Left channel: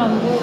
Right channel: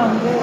வந்து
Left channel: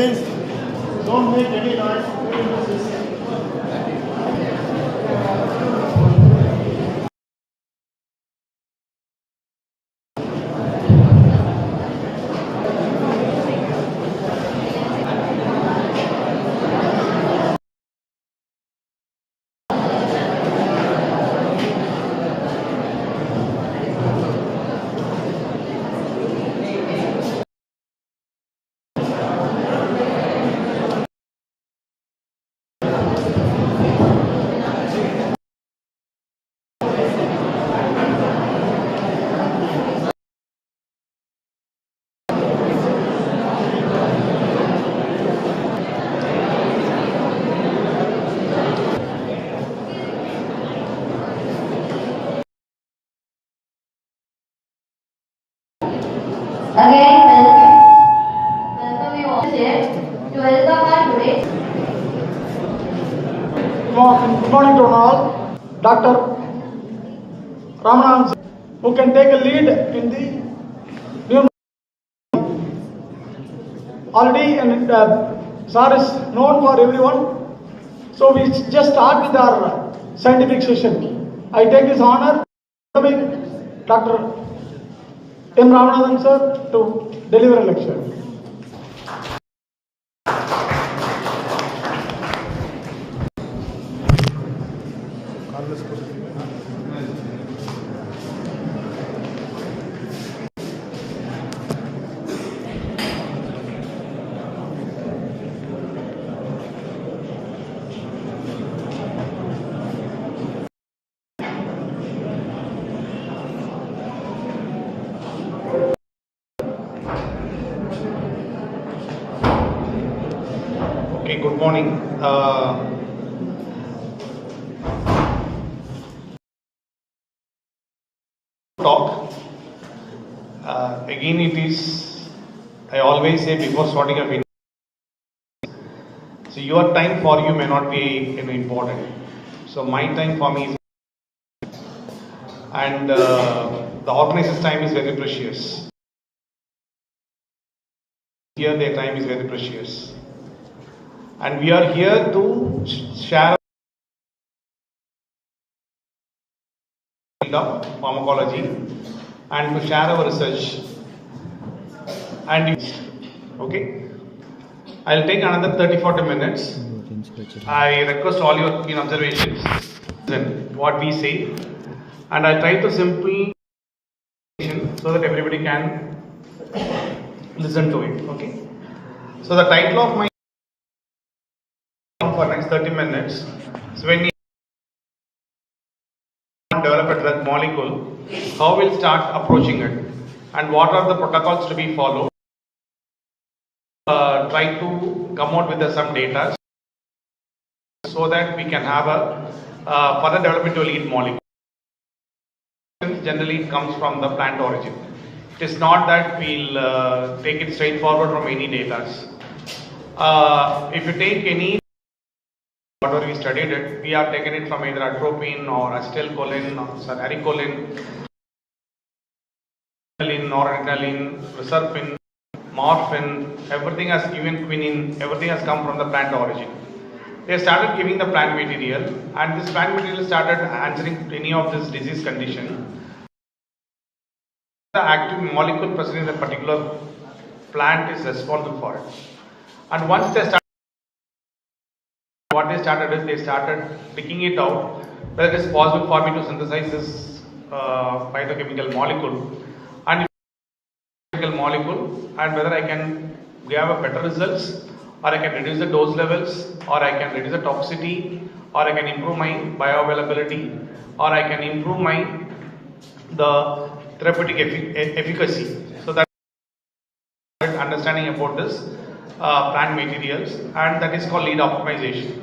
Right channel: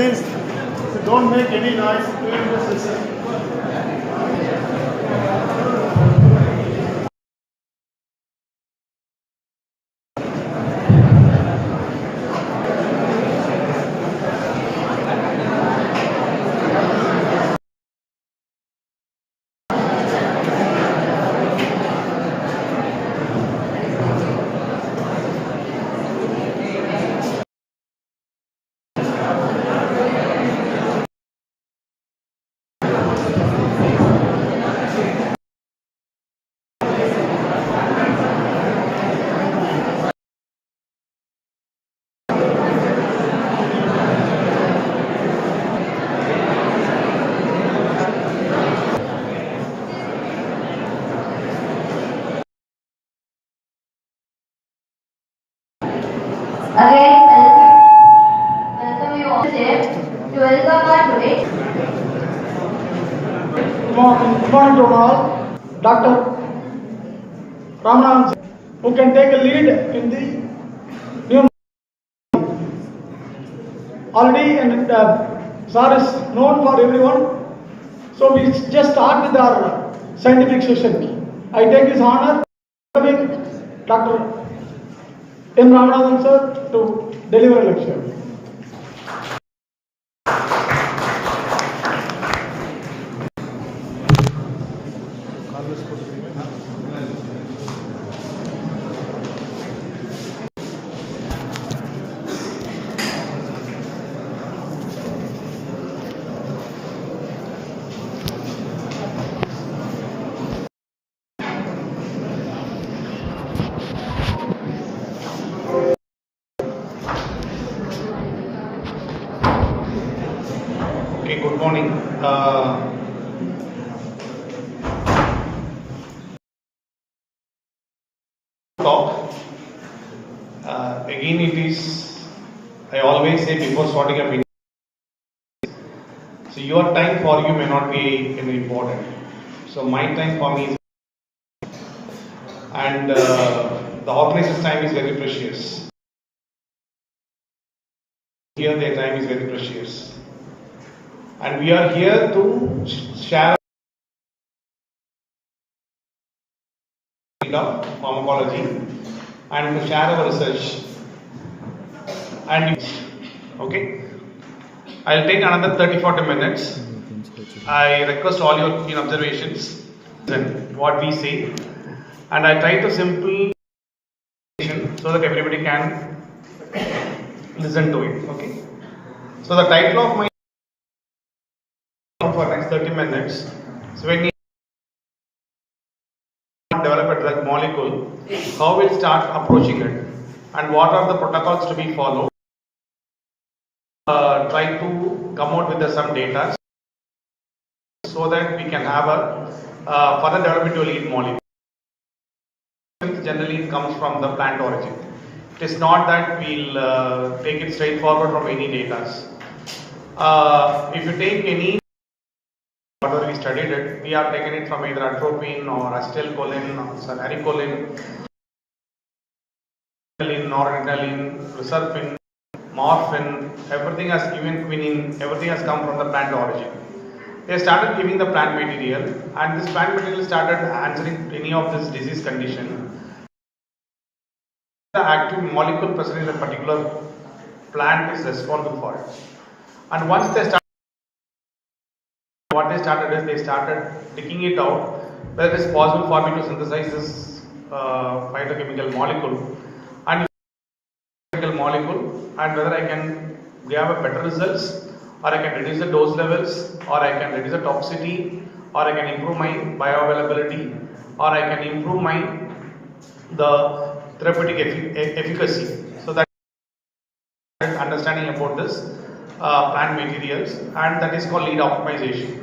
Please don't make any noise during the session. Again, welcome you all here to welcome our today. Good morning to all. Dr. Ramanand, who can take a lead in the new already, and sir is known for everyone. So we just start with our scientific session. I take this honor welcoming Dr. M. Ramanathan sir to deliver a lecture. talk. Again, it is, I always say before starting a meeting, so your time for you may not be important. So my time for me is, and the organizer's time is very precious. Here their time is very precious. And we are here to share of pharmacology and to share our research. And okay, I'll take another 30-40 minutes. I request all your keen observations and what we say, and I try to simple so that everybody can listen to it. Okay. So the title of my for next 30 minutes. So when we develop a drug molecule, how we'll start approaching it, and what are the protocols to be followed. Try to come out with some data so that we can have a further development to a lead molecule. Generally, it comes from the plant origin. It is not that we'll take it straight forward from any data. If you take any whatever we studied it, we are taking it from either atropine or acetylcholine or salaricolin, noradrenaline, reserpine, morphine, everything has, even quinine, everything has come from the plant origin. They started giving the plant material, and this plant material started answering any of this disease condition. The active molecule present in a particular plant is responsible for it. And once they started, what they started is they started picking it out whether it is possible for me to synthesize this phytochemical molecule and molecule, and whether I can have a better results, or I can reduce the dose levels, or I can reduce the toxicity, or I can improve my bioavailability, or I can improve the therapeutic efficacy. So that understanding about this plant materials, and that is called lead optimization.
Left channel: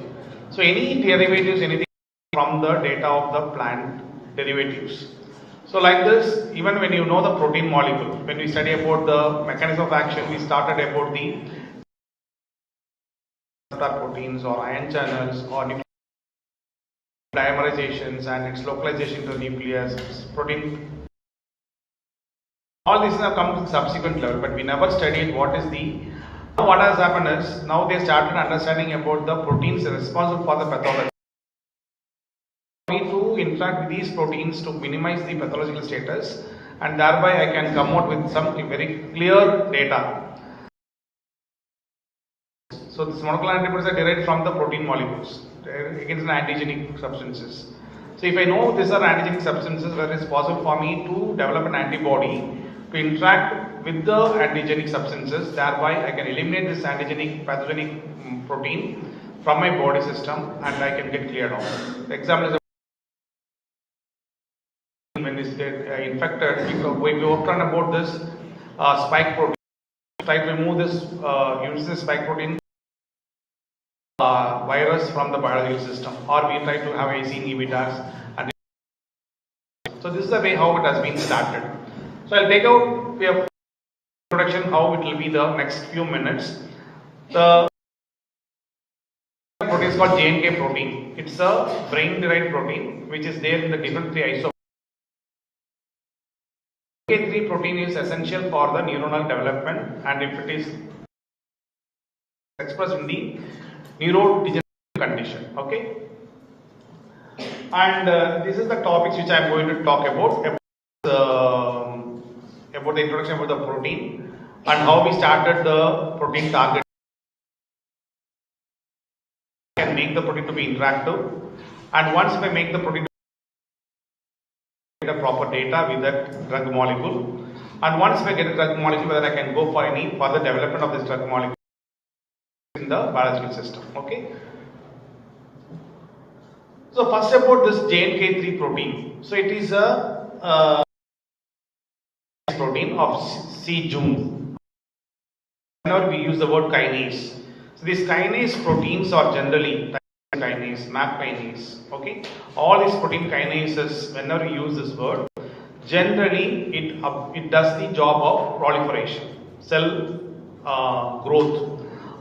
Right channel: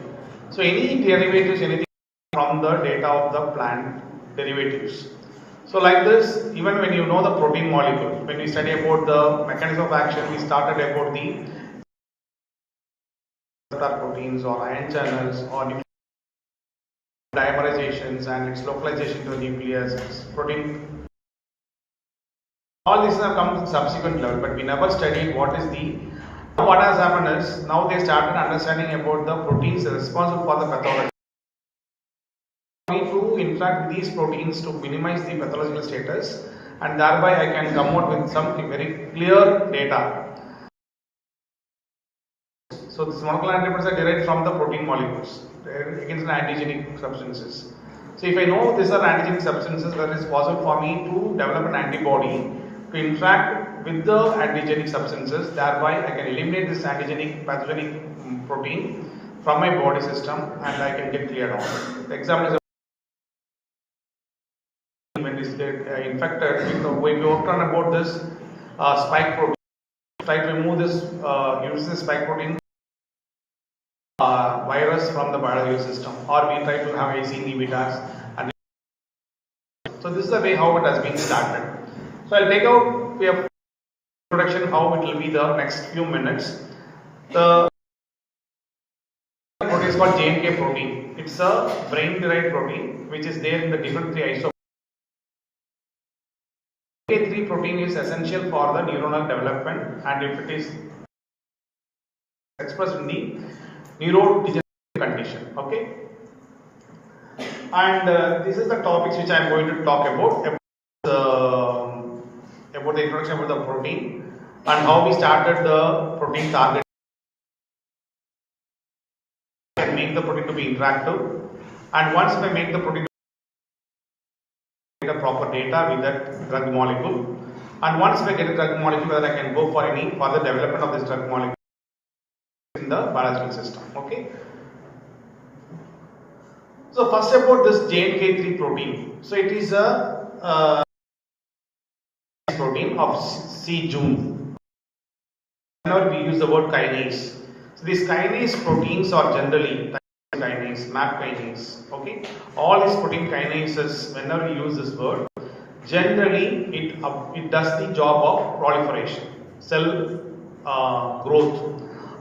So any derivatives, anything from the data of the plant derivatives. So like this, even when you know the protein molecule, when we study about the mechanism of action, we started about the proteins or ion channels or dimerizations and its localization to the nucleus, protein. All these have come to the subsequent level, but we never studied what is the. What has happened is, now they started understanding about the proteins responsible for the pathology. We need to interact with these proteins to minimize the pathological status, and thereby I can come out with some very clear data. So these monoclonal antibodies are derived from the protein molecules against the antigenic substances. So if I know these are antigenic substances, where it is possible for me to develop an antibody to interact with the antigenic substances, thereby I can eliminate this antigenic pathogenic protein from my body system, and I can get cleared off. The example is when this get infected, we worked on about this spike protein. Try to remove this, use this spike protein virus from the biological system, or we try to have ACE inhibitors. And so this is the way how it has been started. So I'll take out the introduction how it will be the next few minutes. The protein is called JNK protein. It's a brain-derived protein which is there in the different 3 isomers. JNK3 protein is essential for the neuronal development, and if it is expressed in the neurodegenerative condition, okay. And this is the topics which I am going to talk about the introduction about the protein and how we started the protein target. Can make the protein to be interactive, and once I make the protein get a proper data with that drug molecule, and once I get a drug molecule, whether I can go for any further development of this drug molecule in the biological system. Okay. So first about this JNK3 protein. So it is a protein of C. June. Whenever we use the word kinase, So these kinase proteins are generally kinase, MAP kinase, okay. All these protein kinases, whenever you use this word, generally it does the job of proliferation, cell growth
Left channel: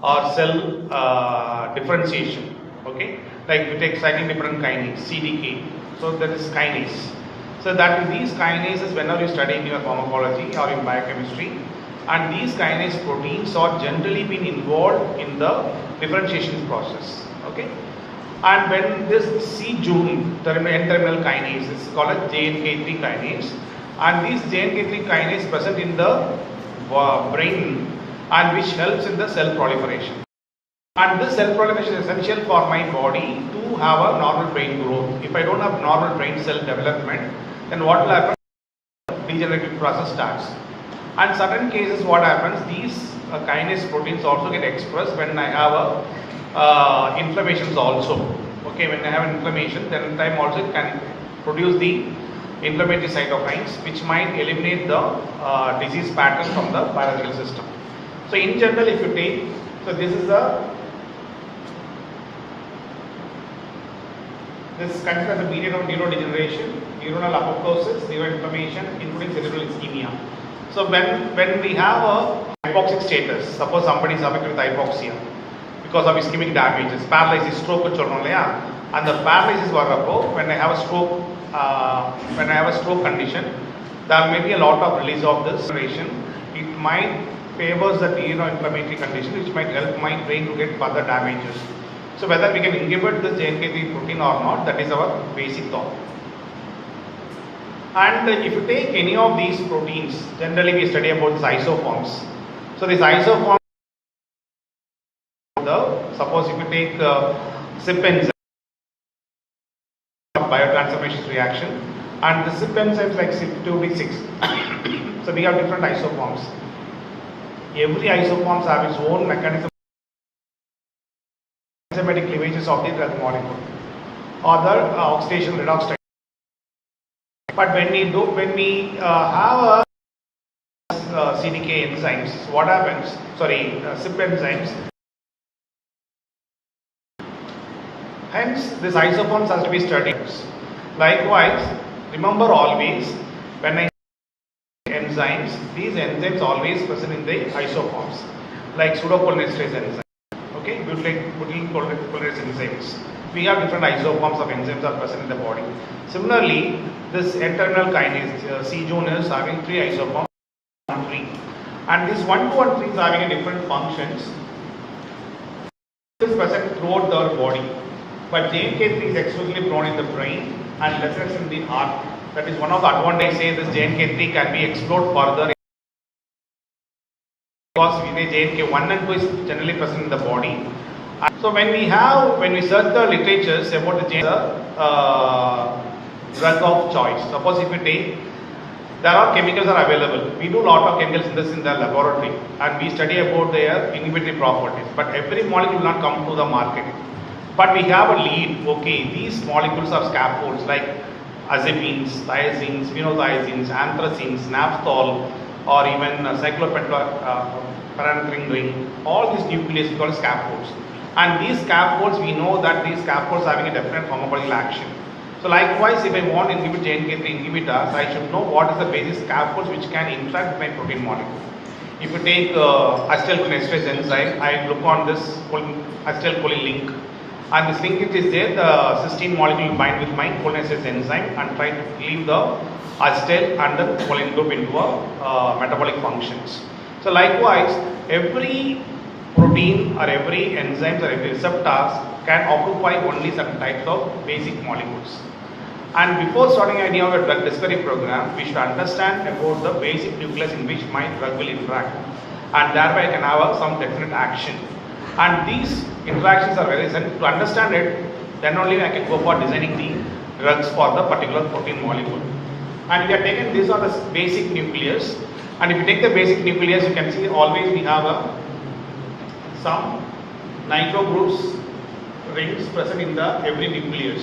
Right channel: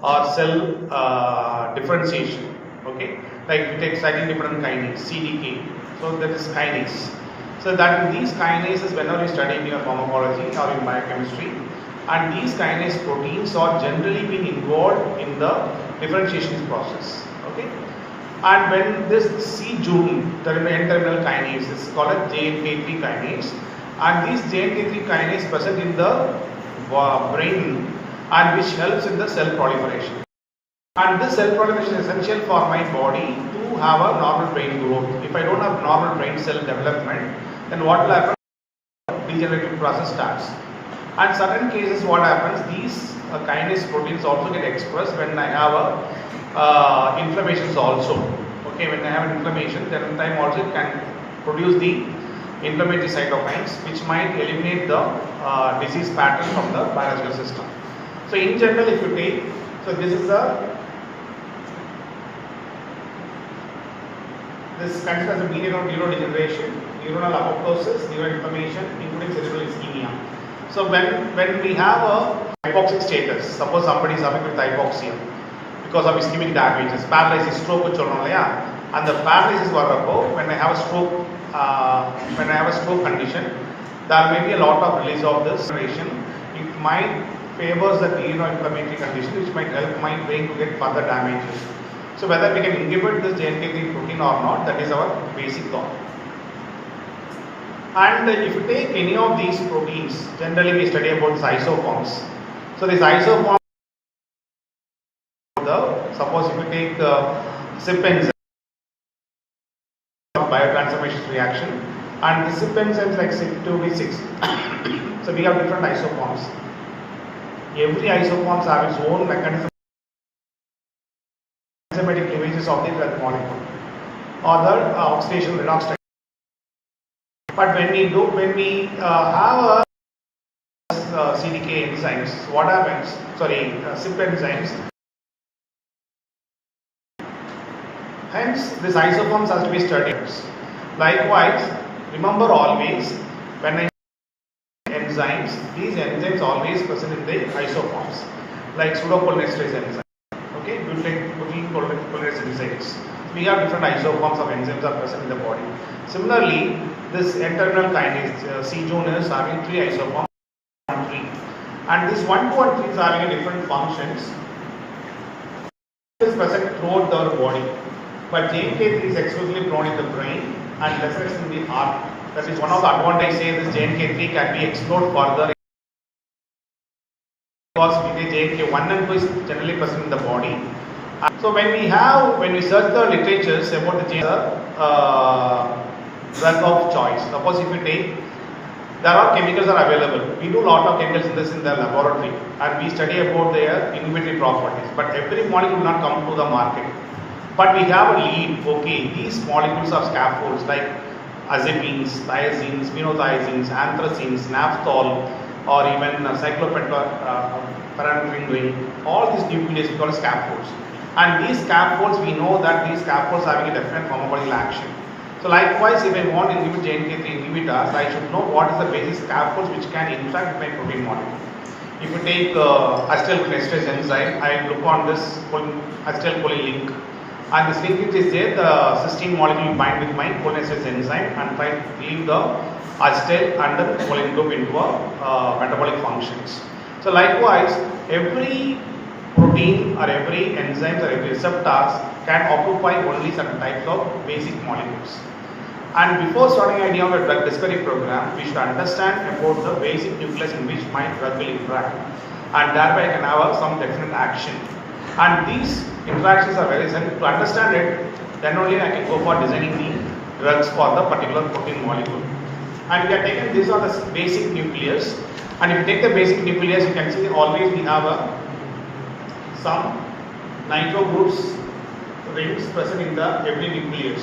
or cell differentiation, okay. Like we take slightly different kinase, CDK, so that is kinase. So that these kinases, whenever you study in your pharmacology or in biochemistry, and these kinase proteins are generally being involved in the differentiation process, okay. And when this C-Jun N-terminal kinase is called as JNK3 kinase, and these JNK3 kinase present in the brain and which helps in the cell proliferation. And this cell proliferation is essential for my body to have a normal brain growth. If I don't have normal brain cell development, then what will happen? Degenerative process starts. And certain cases what happens, these kinase proteins also get expressed when I have inflammations also. Okay, when I have an inflammation, then in time also it can produce the inflammatory cytokines which might eliminate the disease pattern from the biological system. So in general, if you take, so this is this considered as a median of neurodegeneration, neuronal apoptosis, neuroinflammation, including cerebral ischemia. So when we have a hypoxic status, suppose somebody is affected with hypoxia because of ischemic damages, paralysis, stroke, and the paralysis varappo, when I have a stroke condition, there may be a lot of release of this generation. It might favors the neuroinflammatory condition, which might help my brain to get further damages. So whether we can inhibit this JNK3 protein or not, that is our basic thought. And if you take any of these proteins, generally we study about these isoforms. So these isoforms, suppose if you take CYP enzyme, biotransformation reaction, and the CYP enzymes like CYP2D6. So we have different isoforms. Every isoforms have its own mechanism, enzymatic cleavages of the drug molecule, or the oxidation redox. But when we have a CDK enzymes, what happens? CYP enzymes. Hence, this isoforms has to be studied. Likewise, remember always when I enzymes, these enzymes always present in the isoforms, like pseudocholinesterase enzyme. Okay, butyrylcholinesterase enzymes. We have different isoforms of enzymes are present in the body. Similarly, this N-terminal kinase C-Jun is having 3 isoforms, 1,3, and this 1, 2, and 3 is having a different functions. It is present throughout the body, but JNK3 is exclusively grown in the brain and less in the heart. That is one of the advantages. Say this JNK3 can be explored further because JNK1 and 2 is generally present in the body. So when we search the literatures about the drug of choice, suppose if we take, there are chemicals are available. We do lot of chemical synthesis in the laboratory and we study about their inhibitory properties. But every molecule will not come to the market. But we have a lead. Okay, these molecules are scaffolds like azepines, thiazines, phenothiazines, anthracines, naphthol, or even cyclopentapyranthine ring. All these nucleases we call scaffolds. And these scaffolds, we know that these scaffolds having a definite pharmacological action. So likewise, if I want to inhibit JNK3 inhibitors, I should know what is the basic scaffolds which can interact with my protein molecule. If you take acetylcholinesterase enzyme, I look on this acetylcholine link, and this link is there, the cysteine molecule will bind with my cholinesterase enzyme and try to leave the acetyl and the choline group into a metabolic functions. So likewise, every protein or every enzymes or every receptors can occupy only certain types of basic molecules. And before starting idea of a drug discovery program, we should understand about the basic nucleus in which my drug will interact, and thereby I can have some definite action. And these interactions are very essential. To understand it, then only I can go for designing the drugs for the particular protein molecule. And we are taking these are the basic nucleus. And if you take the basic nucleus, you can see always we have some nitro groups rings present in the every nucleus.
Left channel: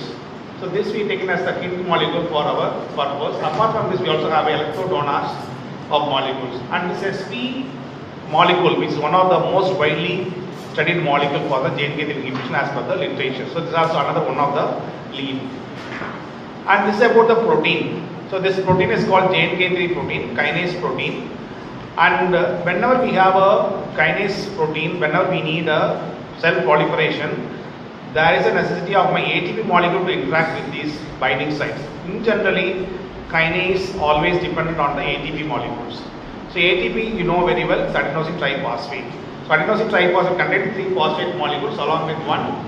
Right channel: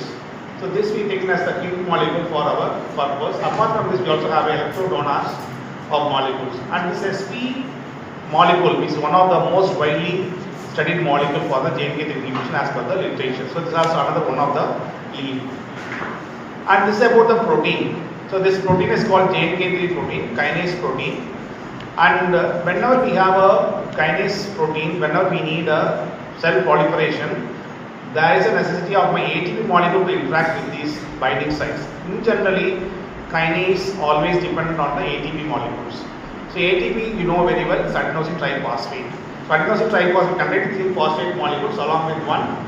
So this we taken as the key molecule for our purpose. Apart from this, we also have electrodonors of molecules. And this sp molecule, which is one of the most widely studied molecule for the JNK3 inhibition as per the literature. So this is also another one of the lead. And this is about the protein. So this protein is called JNK3 protein, kinase protein. And whenever we have a kinase protein, whenever we need a cell proliferation, there is a necessity of my ATP molecule to interact with these binding sites. In generally, kinase always dependent on the ATP molecules. So ATP, you know very well, is adenosine triphosphate. So adenosine triphosphate contains 3 phosphate molecules along with one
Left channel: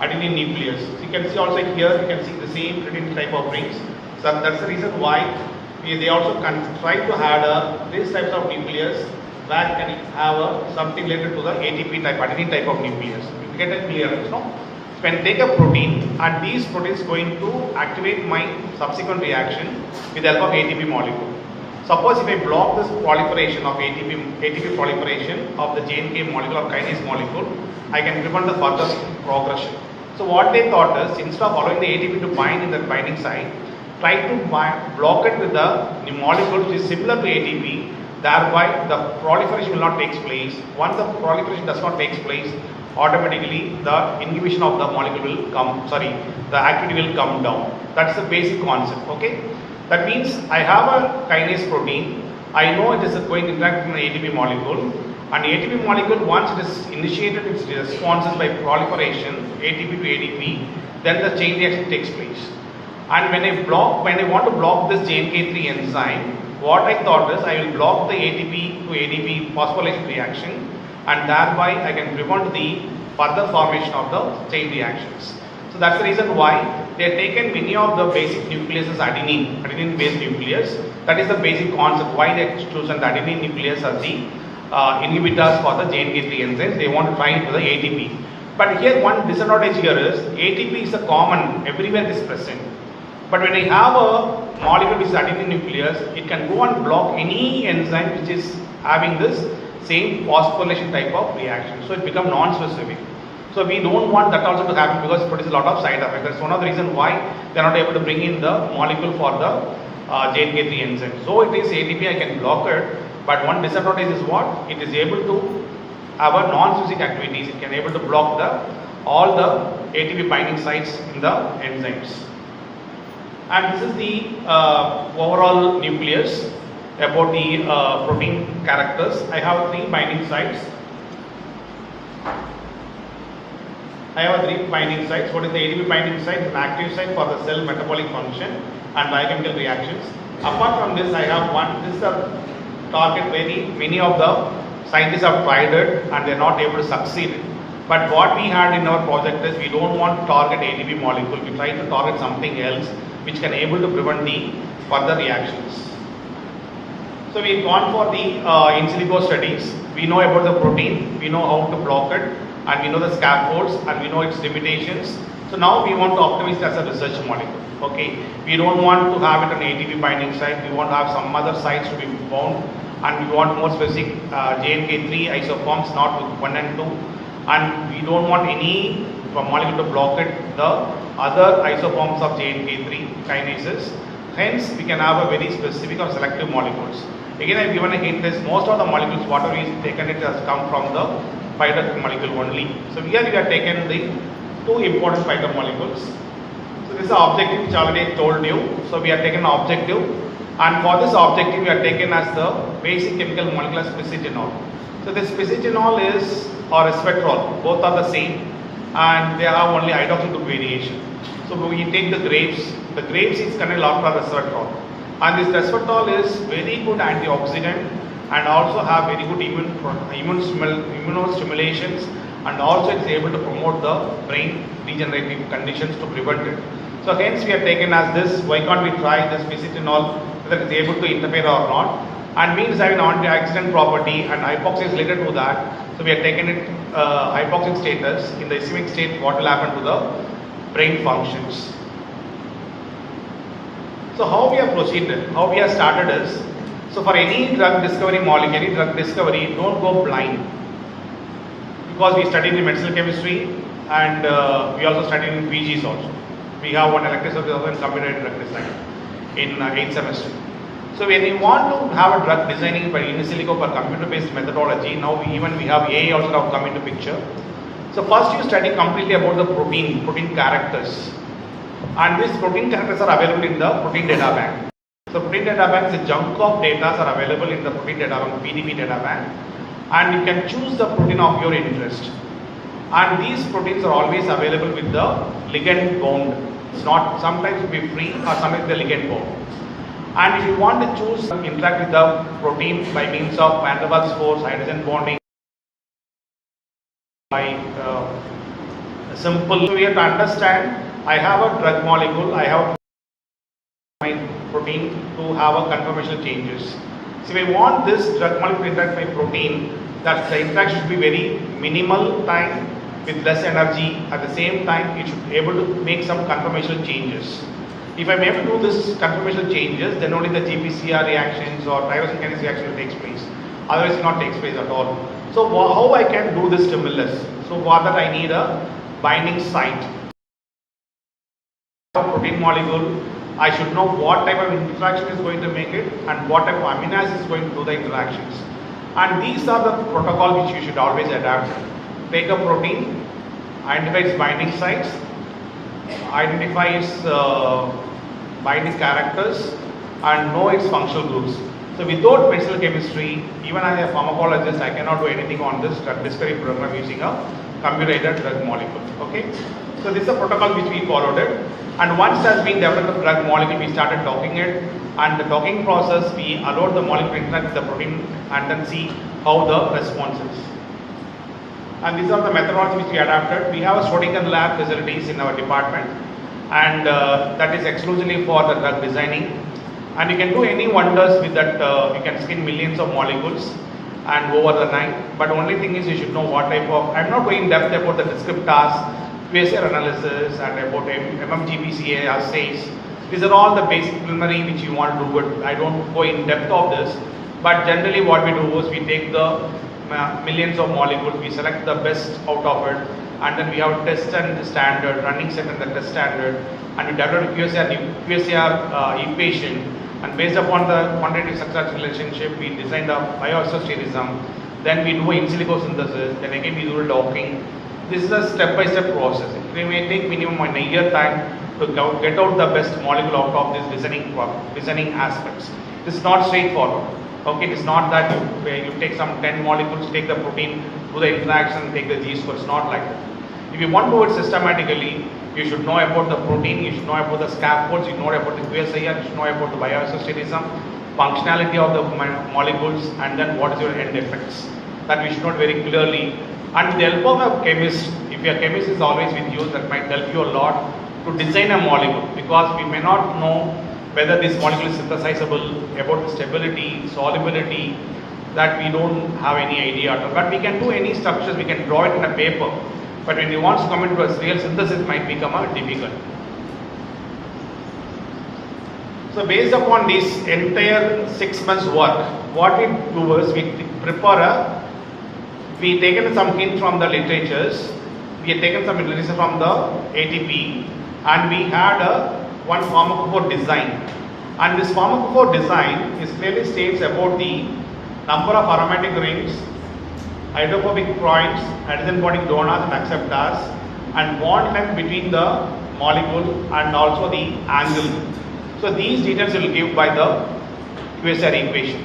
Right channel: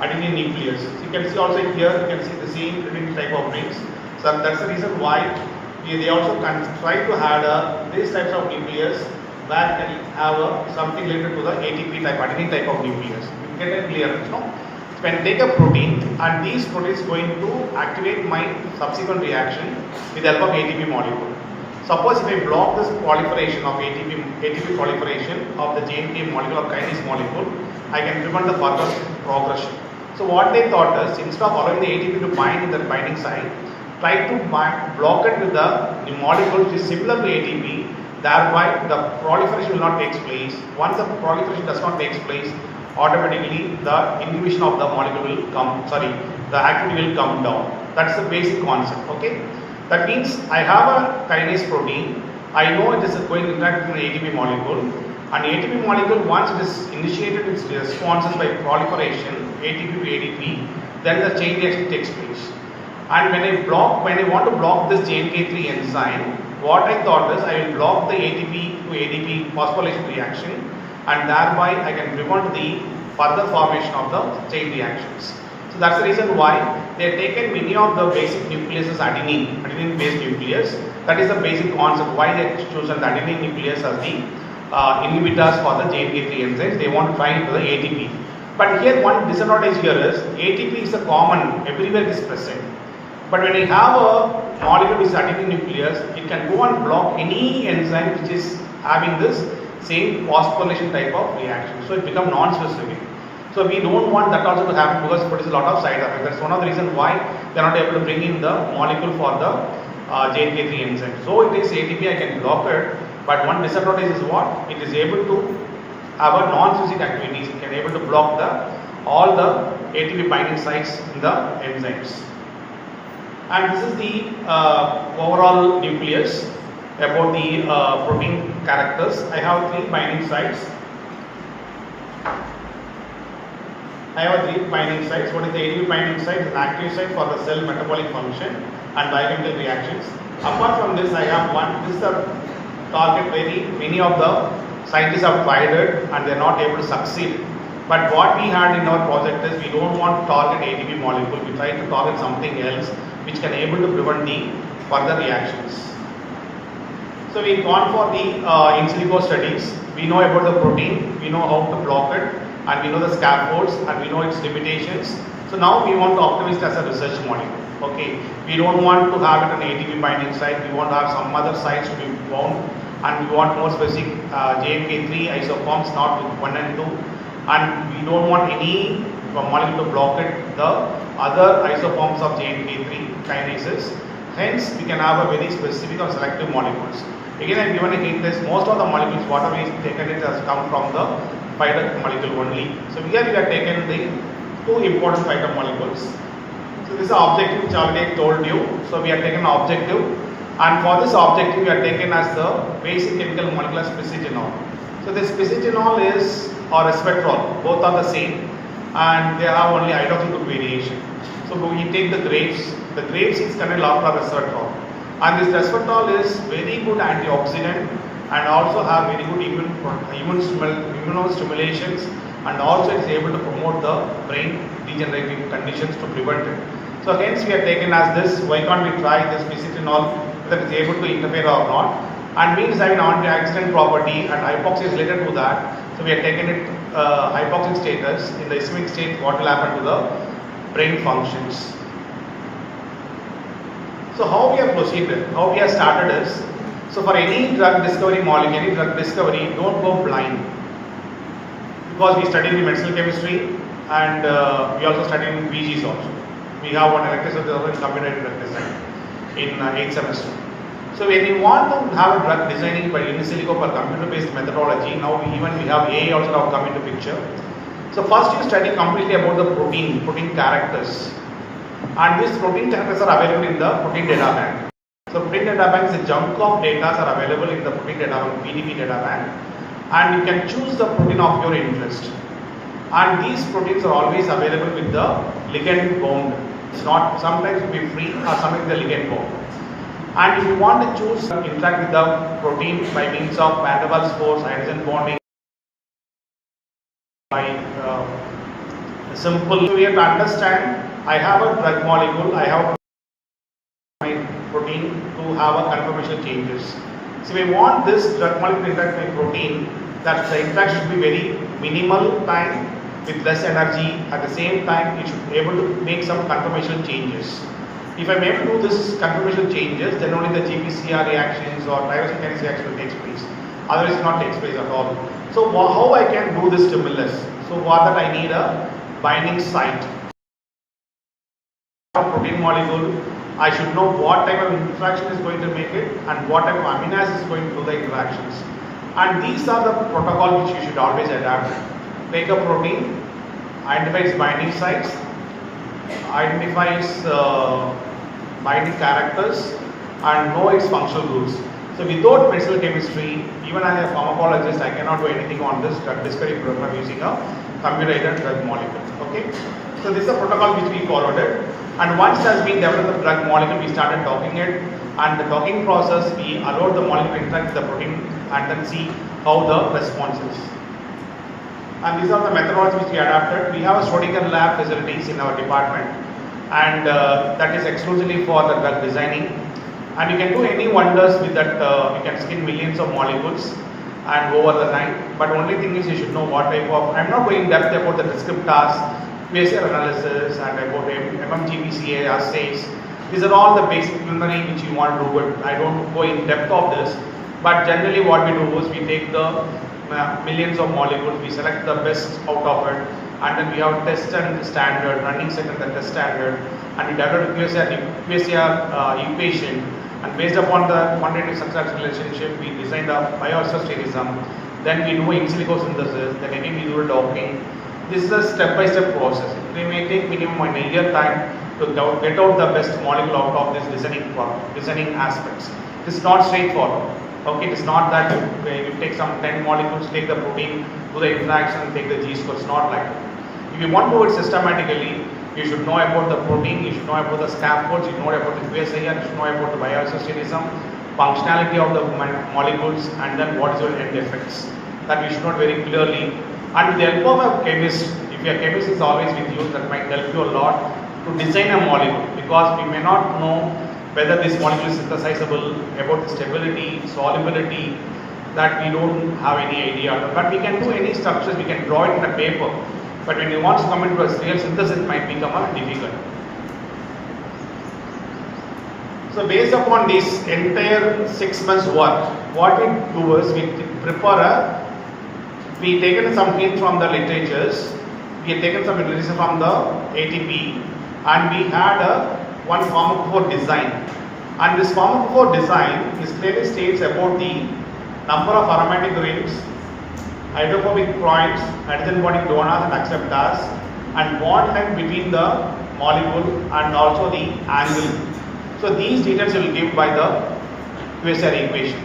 adenine nucleus. So you can see also here, you can see the same adenine type of rings. So that's the reason why they also try to have these types of nucleus where can have something related to the ATP type, adenine type of nucleus. You get it clear, you know. So when I take a protein and these proteins going to activate my subsequent reaction with the help of ATP molecule. Suppose if I block this proliferation of ATP proliferation of the JNK molecule or kinase molecule, I can prevent the further progression. So what they thought is, instead of allowing the ATP to bind in the binding site, try to block it with the molecule which is similar to ATP, thereby the proliferation will not take place. Once the proliferation does not take place, automatically the inhibition of the molecule will come, the activity will come down. That's the basic concept, okay? That means I have a kinase protein, I know it is going to interact with an ATP molecule, and ATP molecule, once it is initiated its responses by proliferation, ATP to ATP, then the chain reaction takes place. And when I want to block this JNK3 enzyme, what I thought is I will block the ATP to ADP phosphorylation reaction, and thereby I can prevent the further formation of the chain reactions. So that's the reason why they have taken many of the basic nucleus as adenine based nucleus. That is the basic concept why they have chosen the adenine nucleus as the inhibitors for the JNK3 enzymes. They want to try it to the ATP. But here one disadvantage here is ATP is a common, everywhere it is present. But when I have a molecule which is adenine nucleus, it can go and block any enzyme which is having this same phosphorylation type of reaction. So it becomes non-specific. So we don't want that also to happen because it produces a lot of side effects. That's one of the reasons why they are not able to bring in the molecule for the JNK3 enzyme. So it is ATP, I can block it, but one disadvantage is what? It is able to have a non-specific activities. It can able to block all the ATP binding sites in the enzymes. And this is the overall nucleus about the protein characters. I have 3 binding sites. I have 3 binding sites. What is the ATP binding site? An active site for the cell metabolic function and biochemical reactions. Apart from this, I have one. This is a target many of the scientists have tried it and they are not able to succeed. But what we had in our project is we don't want to target ATP molecule. We try to target something else which can able to prevent the further reactions. So we've gone for the in silico studies. We know about the protein, we know how to block it, and we know the scaffolds, and we know its limitations. So now we want to optimize it as a research molecule. Okay, we don't want to have it an ATP binding site. We want to have some other sites to be bound, and we want more specific JNK3 isoforms, not with 1 and 2. And we don't want any molecule to block it, the other isoforms of JNK3 kinases. Hence, we can have a very specific or selective molecules. Again, I have given a hint is most of the molecules, whatever we taken it has come from the phytomolecule only. So here we have taken the 2 important phytomolecules. So this is the objective which I already told you. So we have taken an objective, and for this objective we have taken as the basic chemical molecule as spicigenol. So this spicigenol is or resveratrol, both are the same, and they have only hydroxyl group variation. So we take the grapes. The grapes is contained a lot of resveratrol, and this resveratrol is very good antioxidant and also have very good immunostimulations, and also it is able to promote the brain degenerative conditions to prevent it. So hence we have taken as this. Why can't we try this spicigenol whether it is able to interfere or not? And means having antioxidant property and hypoxia is related to that. So we have taken it hypoxic status. In the ischemic state, what will happen to the brain functions? So how we have proceeded, how we have started is, so for any drug discovery molecule, any drug discovery, don't go blind. Because we studied in medicinal chemistry and we also studied in PGs also. We have one elective subject also in computer drug design in 8th semester. So when you want to have a drug designing by in silico per computer based methodology, now we have AI also now come into picture. So first you study completely about the protein characters, and these protein characters are available in the protein data bank. So protein data bank is a chunk of data are available in the protein data bank, PDB data bank, and you can choose the protein of your interest. And these proteins are always available with the ligand bound. It's not, sometimes it will be free or sometimes the ligand bound. And if you want to choose interact with the protein by means of van der Waals force, hydrogen bonding, by simple. So we have to understand, I have a drug molecule, I have my protein to have a conformational changes. So we want this drug molecule to interact with my protein, that the interaction should be very minimal time with less energy. At the same time, it should be able to make some conformational changes. If I am able to do this conformational changes, then only the GPCR reactions or tyrosine kinase reaction will take place. Otherwise, it will not take place at all. So how I can do this stimulus? So for that I need a binding site. A protein molecule, I should know what type of interaction is going to make it and what type of amino acid is going to do the interactions. And these are the protocol which you should always adapt. Take a protein, identify its binding sites, identify its binding characters, and know its functional groups. So without medicinal chemistry, even as a pharmacologist, I cannot do anything on this drug discovery program using a computer-aided drug molecule. Okay. So this is a protocol which we followed it. And once has been developed the drug molecule, we started talking it. And the talking process, we allowed the molecule to interact with the protein and then see how the response is. And these are the methodologies which we adapted. We have a Schrodinger lab facilities in our department, and that is exclusively for the drug designing. And you can do any wonders with that. You can screen millions of molecules and over the night. But only thing is you should know what type of. I'm not going in depth about the descriptors, QSR analysis, and about MMGPCA assays. These are all the basic preliminary which you want to do. But I don't go in depth of this. But generally, what we do is we take the millions of molecules, we select the best out of it, and then we have test and standard, running set and the test standard, and we develop a QSR equation, and based upon the quantitative success relationship, we design the bioisosterism, then we do in silico synthesis, then again we do the docking. This is a step-by-step process. It may take minimum a year time to get out the best molecule out of this designing aspects. It is not straightforward. Okay, it is not that you take some 10 molecules, take the protein, do the interaction, take the G-score. It's not like that. If you want to do it systematically, you should know about the protein, you should know about the scaffolds, you should know about the QSIR, you should know about the bioisosterism, functionality of the molecules, and then what is your end effects. That we should know very clearly. And with the help of a chemist, if your chemist is always with you, that might help you a lot to design a molecule, because we may not know whether this molecule is synthesizable, about the stability, solubility, that we don't have any idea. But we can do any structures, we can draw it in a paper. But when you want to come into a real synthesis, it might become difficult. So based upon this entire 6 months work, what we do is we taken some hints from the literatures, we have taken some literature from the ATP, and we had one pharmacophore design. And this pharmacophore design is clearly states about the number of aromatic rings, hydrophobic points, hydrogen bonding donors and acceptors, and bond length between the molecule and also the angle. So these details will give by the QSR equation.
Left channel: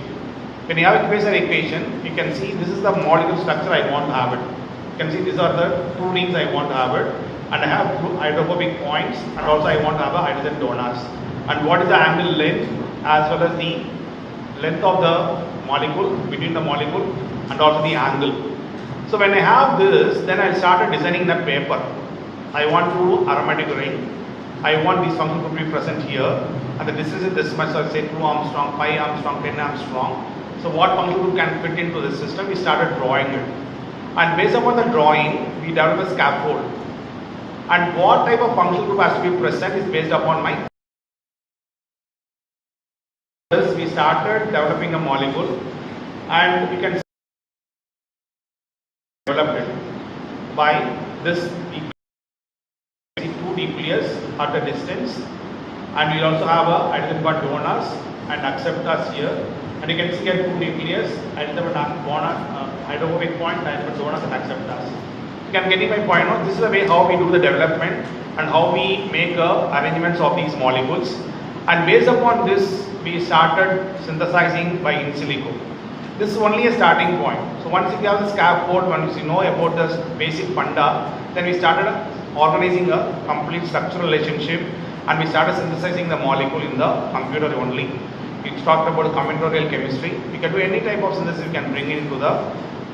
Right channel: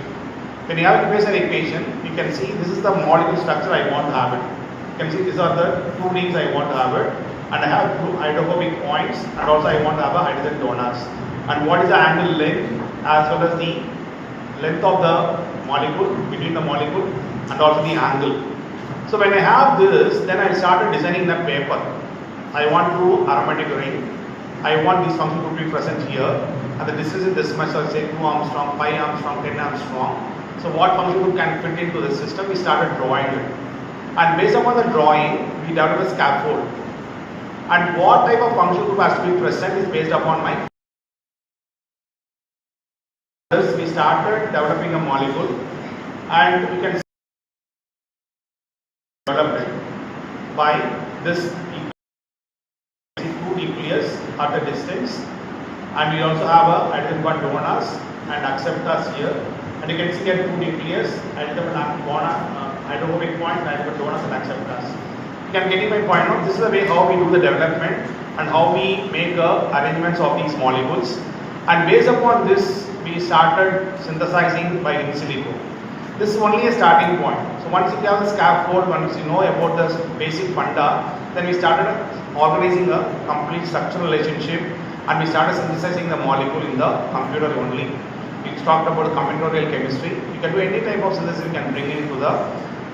When you have a QSR equation, you can see this is the molecule structure I want to have it. You can see these are the two rings I want to have it, and I have two hydrophobic points, and also I want to have a hydrogen donors. And what is the angle length as well as the length of the molecule, between the molecule, and also the angle. So when I have this, then I started designing the paper. I want to do aromatic ring. I want these functions to be present here, and the distance is this much, so I'll say 2 Armstrong, 5 Armstrong, 10 Armstrong. So what function group can fit into the system? We started drawing it. And based upon the drawing, we developed a scaffold. And what type of function group has to be present is based upon my. Thus, we started developing a molecule, and you can develop it by this two nucleus at a distance, and we also have a hydrogen bond donors and acceptors here. And you can see here two nucleus, hydrophobic point, and donors and acceptors. You can get my point out. This is the way how we do the development and how we make arrangements of these molecules. And based upon this, we started synthesizing by in silico. This is only a starting point. So once you have the scaffold, once you know about the basic funda, then we started organizing a complete structural relationship, and we started synthesizing the molecule in the computer only. We talked about combinatorial chemistry. You can do any type of synthesis you can bring into the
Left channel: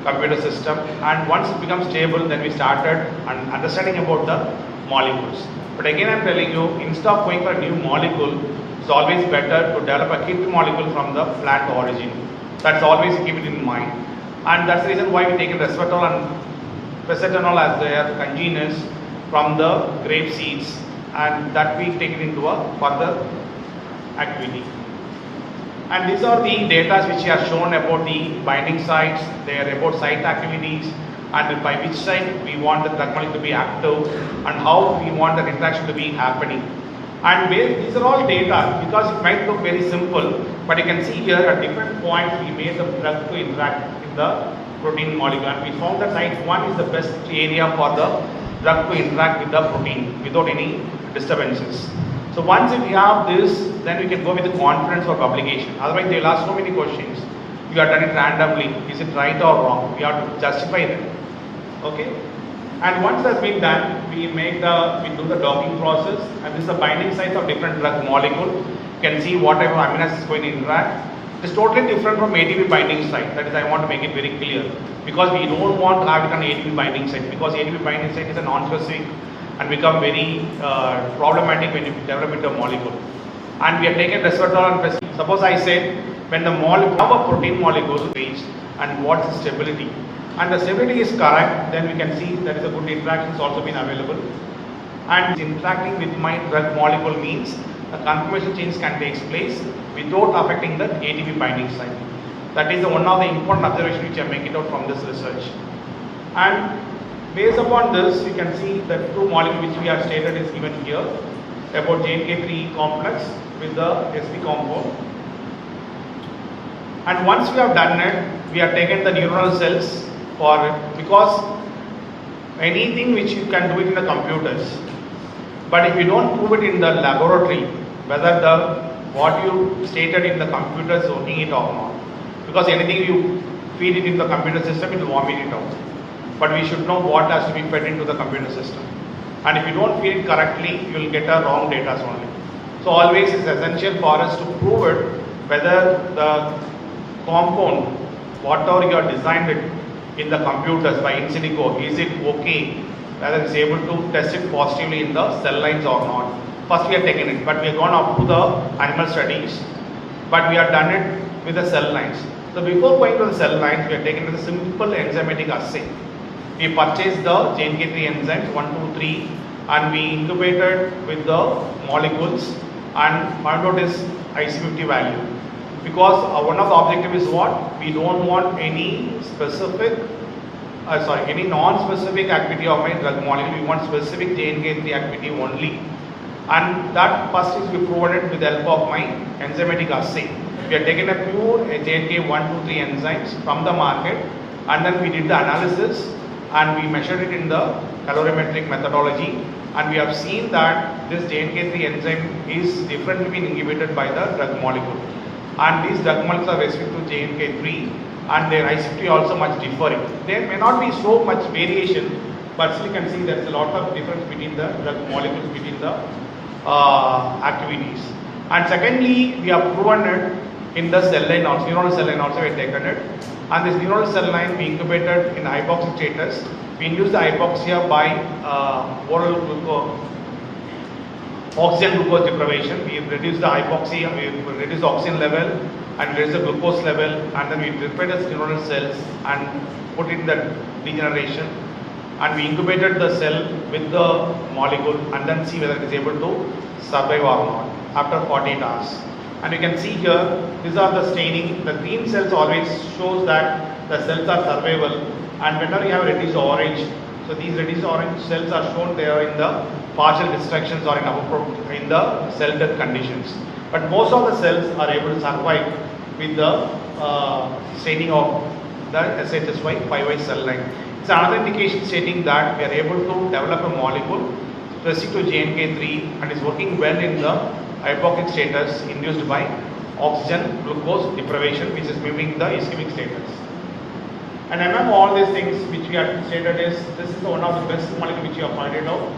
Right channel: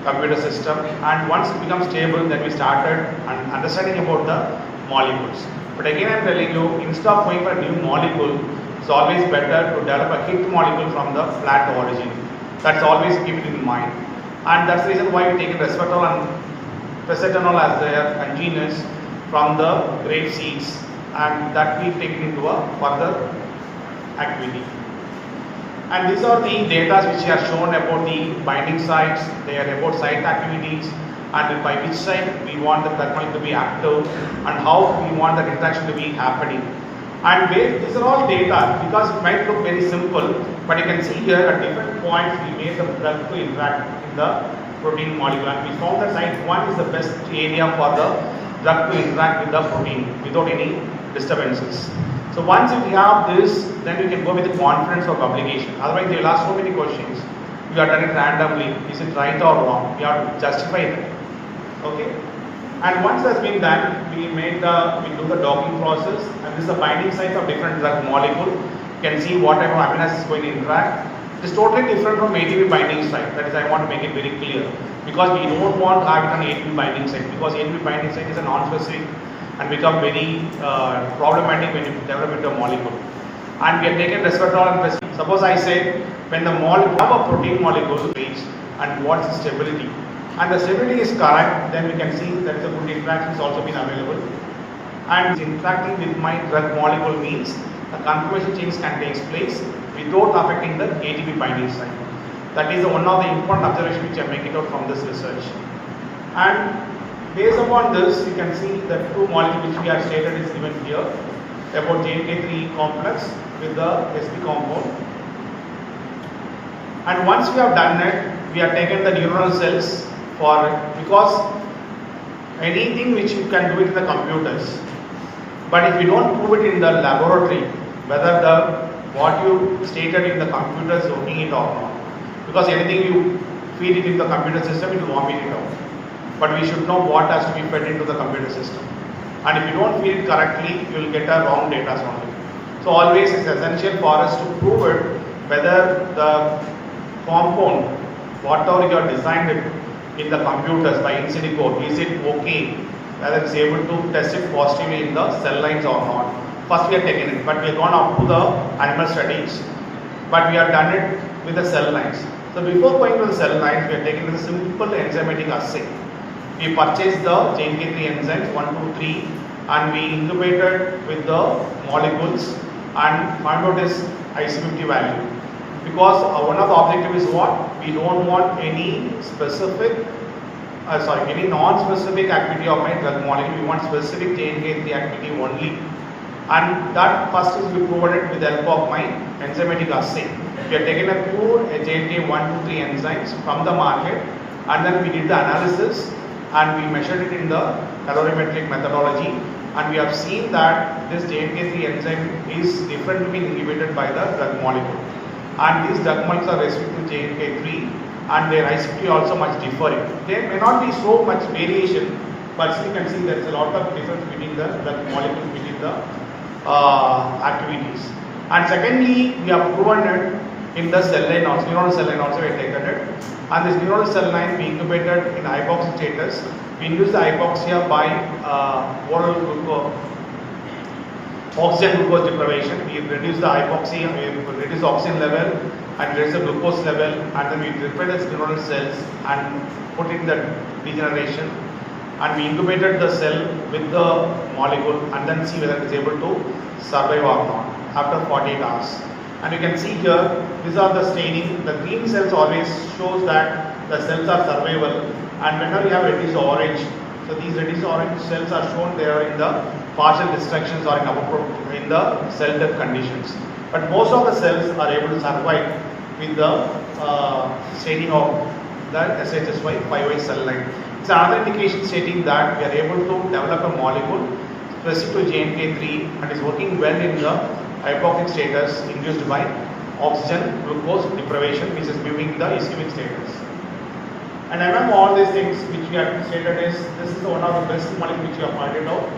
computer system, and once it becomes stable, then we started understanding about the molecules. But again, I am telling you, instead of going for a new molecule, it's always better to develop a kit molecule from the plant origin. That's always keep it in mind, and that's the reason why we take resveratrol and phesatonol as their congeners from the grape seeds, and that we take it into a further activity. And these are the data which are shown about the binding sites. They are about site activities and by which site we want the drug molecule to be active and how we want the interaction to be happening. And these are all data because it might look very simple, but you can see here at different points we made the drug to interact in the protein molecule, and we found that site 1 is the best area for the drug to interact with the protein without any disturbances. So once if we have this, then we can go with the confidence for publication. Otherwise they will ask so many questions. You have done it randomly, is it right or wrong? We have to justify that. Okay? And once that's been done, we do the docking process, and this is the binding sites of different drug molecule. You can see what type of amino acids is going to interact. It's totally different from ATP binding site. That is, I want to make it very clear, because we don't want to have it on ATP binding site, because ATP binding site is a non-specific and become very problematic when you develop into a molecule. And we have taken resveratrol and phesatonol. Suppose I said when the molecule have a protein molecule page and what's the stability, and the stability is correct, then we can see there is a good interaction has also been available. And interacting with my drug molecule means a conformation change can take place without affecting the ATP binding site. That is one of the important observations which I make it out from this research. And based upon this, you can see the two molecules which we have stated is given here about JNK3 complex with the SP compound. And once we have done it, we have taken the neuronal cells for it, because anything which you can do it in the computers, but if you don't prove it in the laboratory, whether what you stated in the computer is working it or not, because anything you feed it in the computer system, it will vomit it out. But we should know what has to be fed into the computer system. And if you don't feed it correctly, you will get a wrong data only. So always it's essential for us to prove it whether the compound, whatever you have designed it in the computers by in silico, is it okay, whether it's able to test it positively in the cell lines or not. First we have taken it, but we have gone up to the animal studies, but we have done it with the cell lines. So before going to the cell lines, we have taken the simple enzymatic assay. We purchased the JNK3 enzymes 1, 2, 3, and we incubated with the molecules and found out its IC50 value. Because one of the objectives is what? We don't want any specific, any non-specific activity of my drug molecule. We want specific JNK3 activity only. And that first is we proved it with the help of my enzymatic assay. We have taken a pure JNK 1, 2, 3 enzymes from the market, and then we did the analysis and we measured it in the calorimetric methodology, and we have seen that this JNK3 enzyme is differently inhibited by the drug molecule. And these drug molecules are restricted to JNK3, and their IC50 also much differing. There may not be so much variation, but still you can see there is a lot of difference between the drug molecules, between the activities. And secondly, we have proven it in the cell line also, neuronal cell line also we have taken it. And this neuronal cell line we incubated in hypoxia status. We induced the hypoxia by oral oxygen glucose deprivation. We reduced the hypoxia, we reduced the oxygen level and reduced the glucose level, and then we prepared the neuronal cells and put it in the regeneration. And we incubated the cell with the molecule and then see whether it is able to survive or not after 48 hours. And you can see here, these are the staining. The green cells always shows that the cells are survivable, and whenever you have reduced orange, so these reduced orange cells are shown there in the partial destructions or in the cell death conditions. But most of the cells are able to survive with the staining of the SHSY 5Y cell line. It's another indication stating that we are able to develop a molecule specific to JNK3 and is working well in the hypoxic status induced by oxygen glucose deprivation, which is mimicking the ischemic status. And among all these things which we have stated is, this is one of the best molecule which we have pointed out.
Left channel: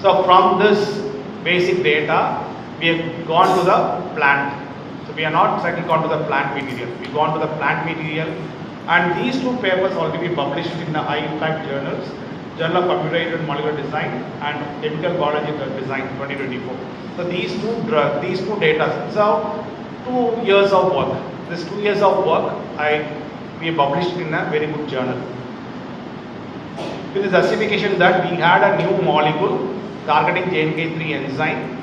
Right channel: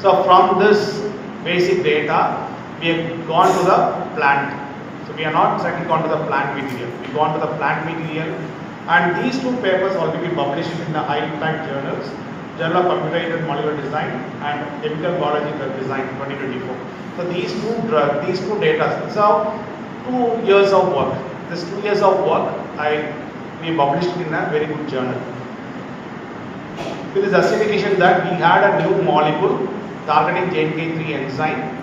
So from this basic data, we have gone to the plant. So we are not exactly gone to the plant material. We have gone to the plant material, and these two papers already published in the high impact journals, Journal of Computer-Aided Molecular Design and Chemical Biology Design 2024. So these two data, so 2 years of work. This 2 years of work, we published in a very good journal. With the justification that we had a new molecule targeting JNK3 enzyme,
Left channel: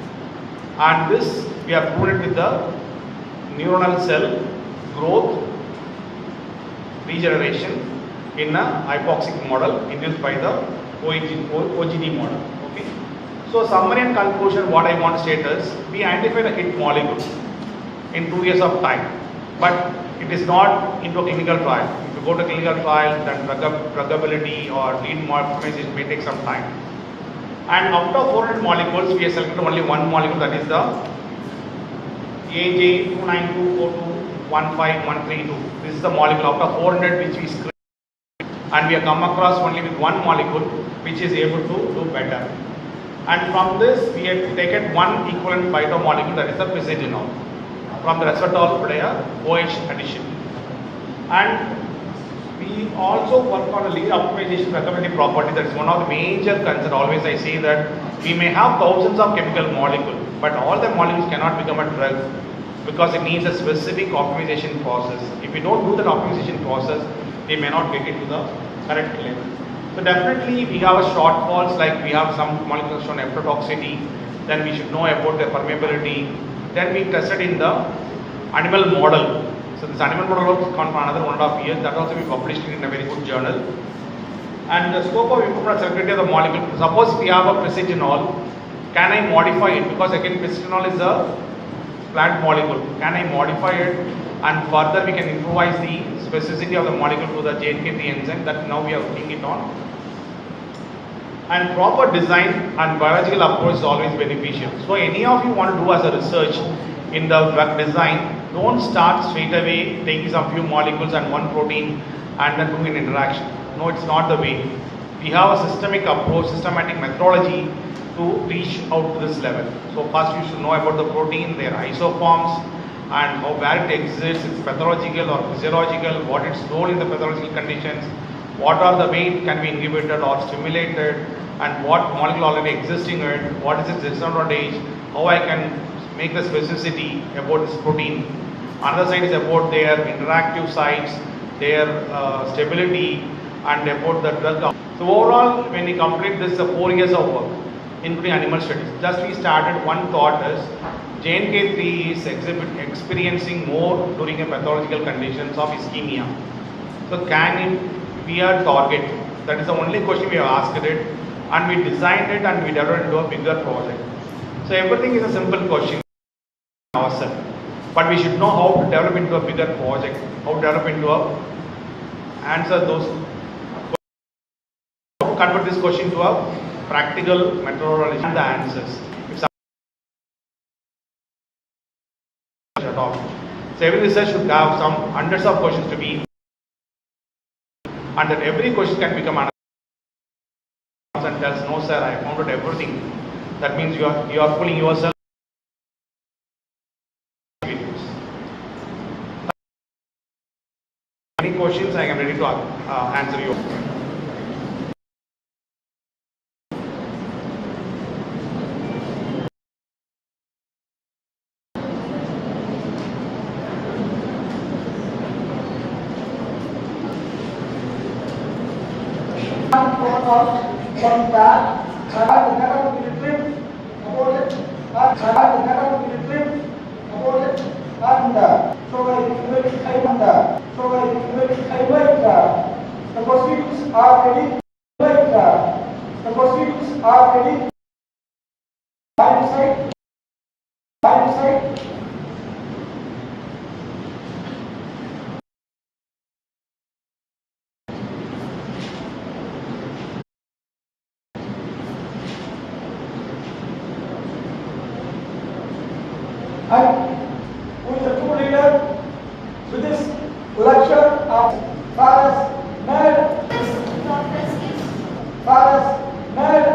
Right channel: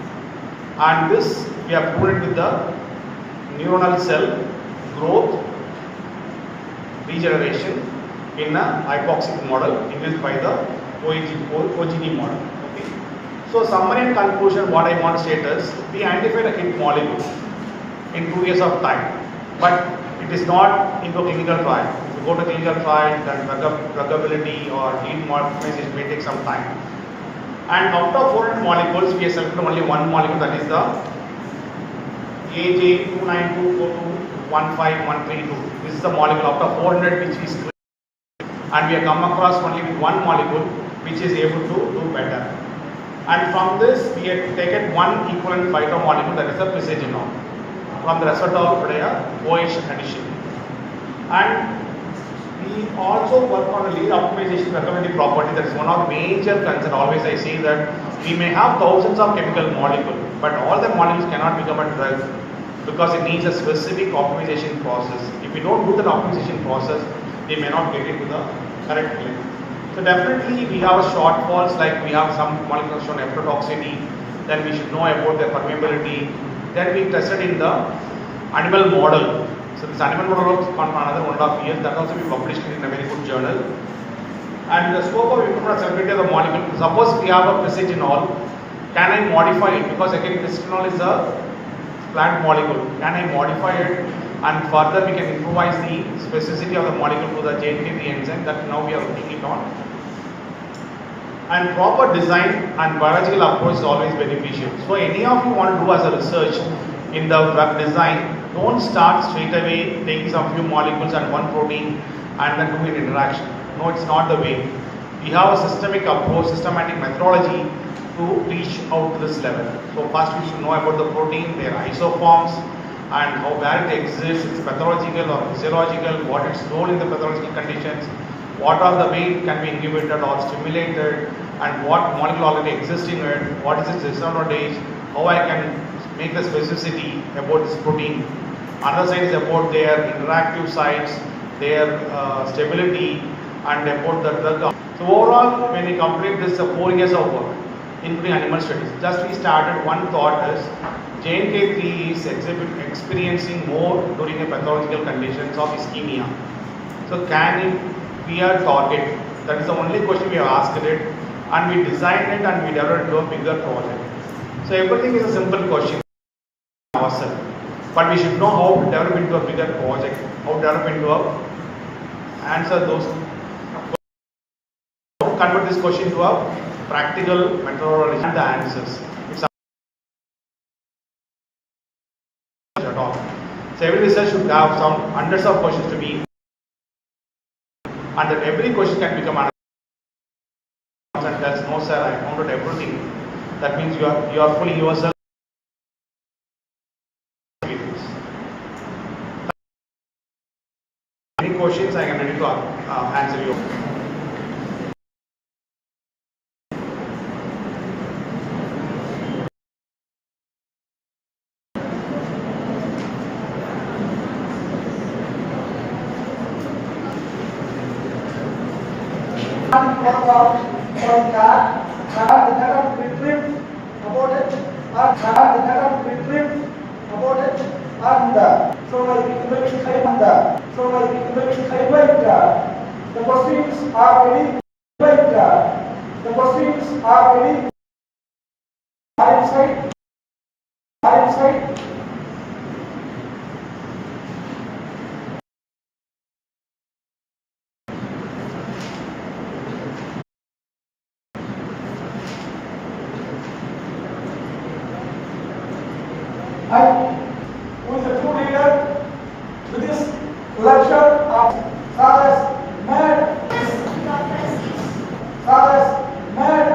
and this we have proved it with the neuronal cell growth regeneration in a hypoxic model induced by the OGD model. Okay. So summary and conclusion, what I want to state is, we identified a hit molecule in 2 years of time, but it is not into a clinical trial. If you go to clinical trial, then druggability or lead optimization may take some time. And out of 400 molecules, we have selected only one molecule, that is the AJ29242153132. This is the molecule out of 400 which we screened, and we have come across only with one molecule which is able to do better. And from this, we have taken one equivalent phytomolecule, that is the pysagenol, from the resveratrol OH addition. And we also work on a lead optimization recommended property. That is one of the major concerns. Always I say that we may have thousands of chemical molecules, but all the molecules cannot become a drug because it needs a specific optimization process. If we don't do that optimization process, we may not get it to the correct length. So definitely we have a shortfalls, like we have some molecules shown hepatotoxicity, then we should know about the permeability. Then we tested in the animal model. So this animal model was gone for another 1.5 years. That also we published in a very good journal. And the scope of improvement selectivity of the molecule. Suppose we have a pysagenol, can I modify it? Because again, pysagenol is a plant molecule. Can I modify it? And further we can improvise the specificity of the molecule to the JNK3 enzyme that now we are looking it on. And proper design and biological approach is always beneficial. So any of you want to do as a research in the drug design, don't start straight away taking some few molecules and one protein and then doing an interaction. No, it's not the way. We have a systemic approach, systematic methodology to reach out to this level. So first you should know about the protein, their isoforms, and how where it exists, it's pathological or physiological, what its role in the pathological conditions, what are the way it can be inhibited or stimulated, and what molecule already exists in it, what is its disadvantage, how I can make the specificity about this protein. Another side is about their interactive sites, their stability, and about the drug. So overall, when we complete this 4 years of work, including animal studies, just we started one thought is, JNK3 is experiencing more during a pathological conditions of ischemia. So can it be a target? That is the only question we have asked it, and we designed it and we developed it into a bigger project. So everything is a simple question ourselves, but we should know how to develop into a bigger project, how to develop into a answer those, convert this question to a practical methodology and the answers. So every research should have some hundreds of questions to be, and then every question can become an answer and tells, no sir, I found out everything. That means you are fooling yourself. Any questions, I am ready to answer you. The proceedings are ready. The proceedings are ready. Satisfied. introduction of Charles Nerd. Charles Nerd.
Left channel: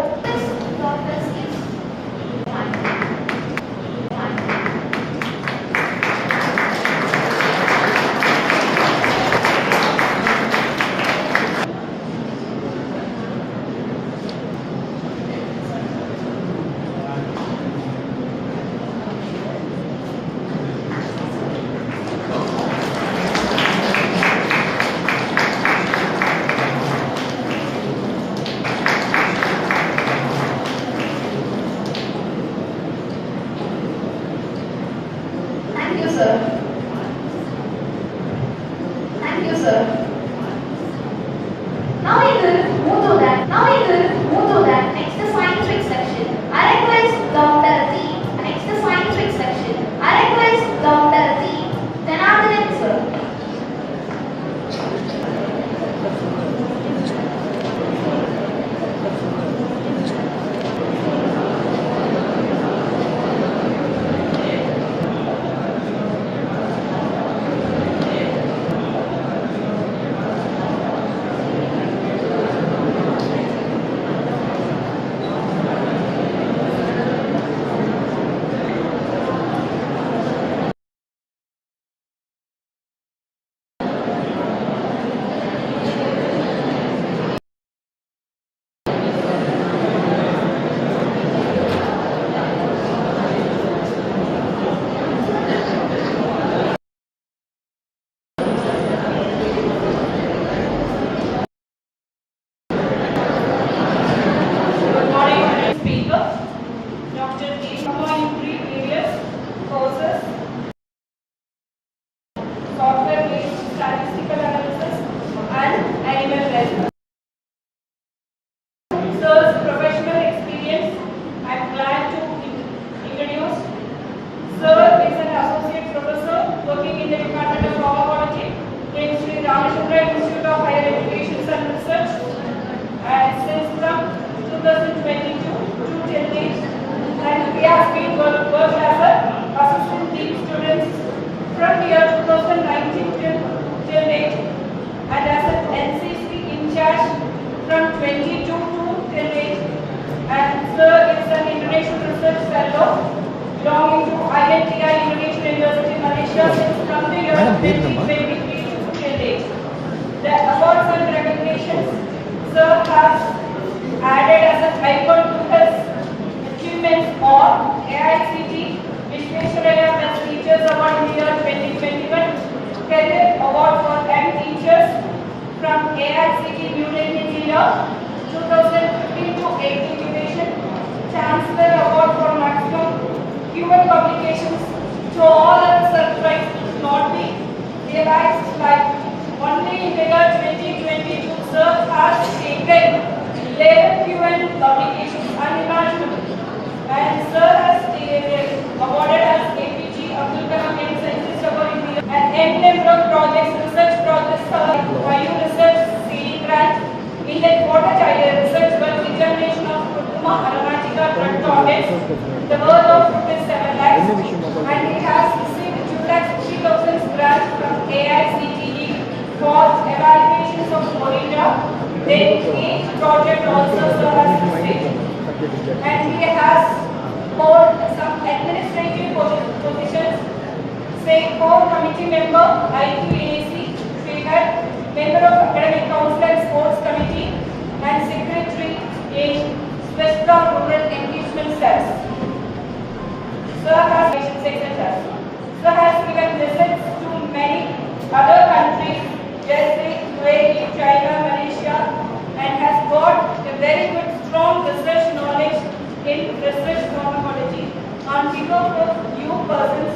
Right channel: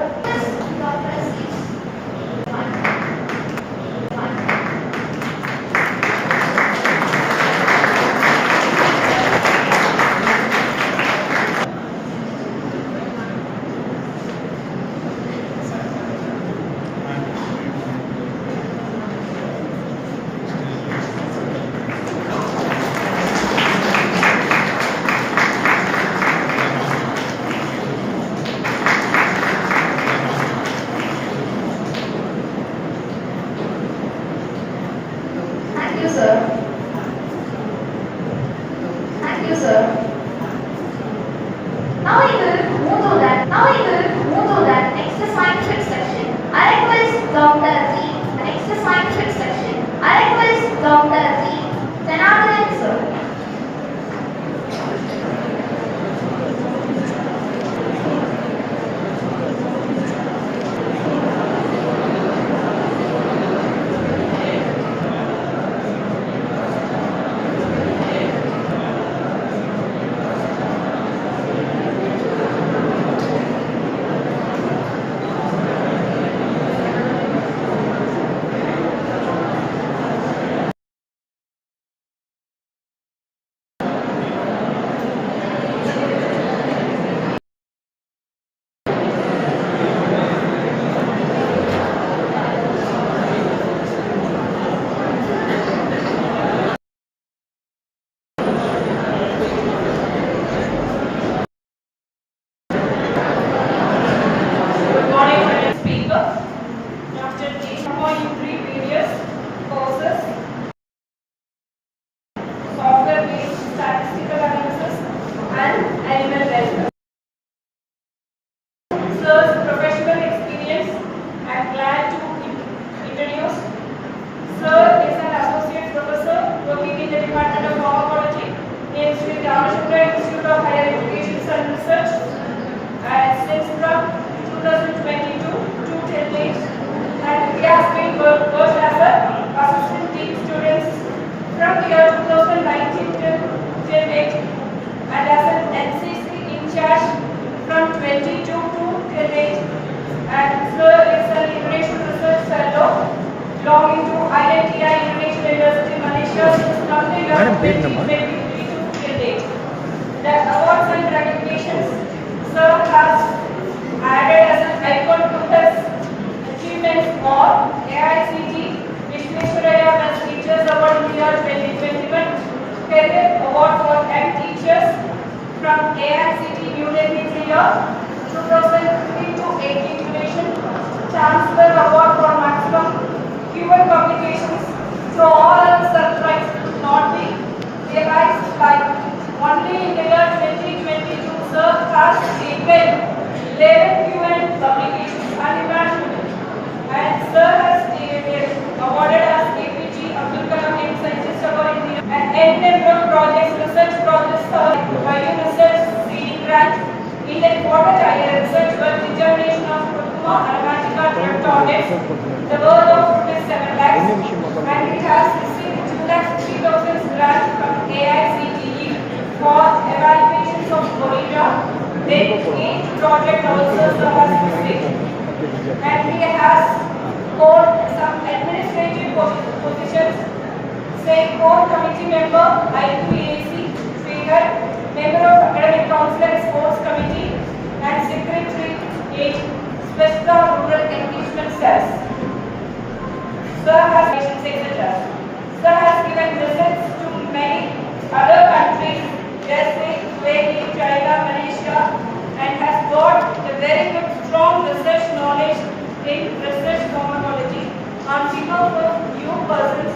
Thank you, sir. Thank you, sir. Now we will move to that next scientific section. I request Dr. Z. Next scientific section. I request Dr. Z. Janardhan, sir. Speaker, Dr. G. in 3 various courses: software-based statistical analysis and animal health. Sir's professional experience, I am glad to introduce. Sir is an associate professor working in the Department of Pharmacology in Sri Ramachandra Institute of Higher Education and Research, and since from 2022 to till date, and he has been worked as a assistant dean students from year 2019 till date, and as an NCC in charge from 22 to till date. And sir is an International Research Fellow belonging to IITI Indonesia University, Malaysia, from the year 2023 to till date. The awards and recognitions sir has added as an icon to his achievements on AICT Vishwesvaraya Best Teachers Award in the year 2021, Career Award for M Teachers from AICT New Delhi in the year 2015 to 18 duration, Chancellor Award for Maximum Human Publications. So all other surprise could not be realized, like only in the year 2022, sir has taken 11 UN publications, unimaginable, and sir has awarded as APG Abdul Kalam Young Scientist Award in the year, and eminent projects, research projects, bio research, seeding grant, in the water child research work, determination of Kurkuma aromatica drug targets, the worth of ₹7 lakhs, and he has received 2,50,000 grant from AICTE for evaluations of moringa. Then each project also serves as stage, and he has hold some administrative positions, say core committee member, IQAC, speaker, member of Academic Council and Sports Committee, and secretary in Swasta Rural Engagement Cells. Sir has patients, etc. Sir has given visits to many other countries, USA, UAE, China, Malaysia, and has got a very good, strong research knowledge in research pharmacology. On behalf of you persons,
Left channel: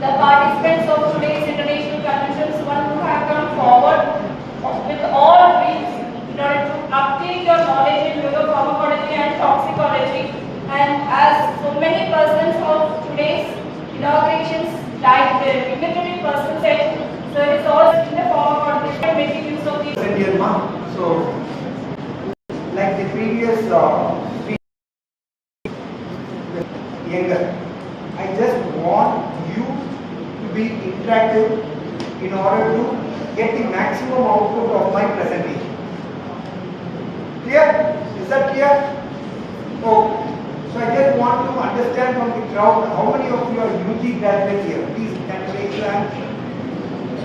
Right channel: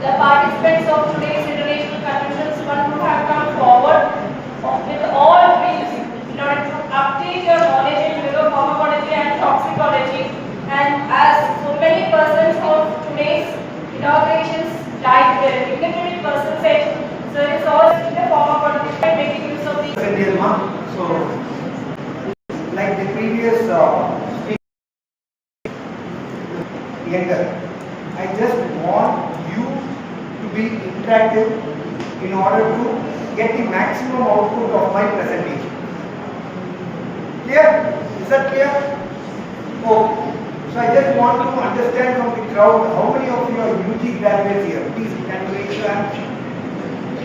the participants of today's international conventions, one who have come forward with all dreams in order to update your knowledge in neuropharmacology and toxicology. And as so many persons of today's inaugurations, like the dignitary person said, so it is all in the pharmacology and making use of these. So, like the previous younger, I just want you to be interactive in order to get the maximum output of my presentation. Clear? Is that clear? Okay. So I just want to understand from the crowd, how many of you are UG graduates here? Please, can you raise your hand?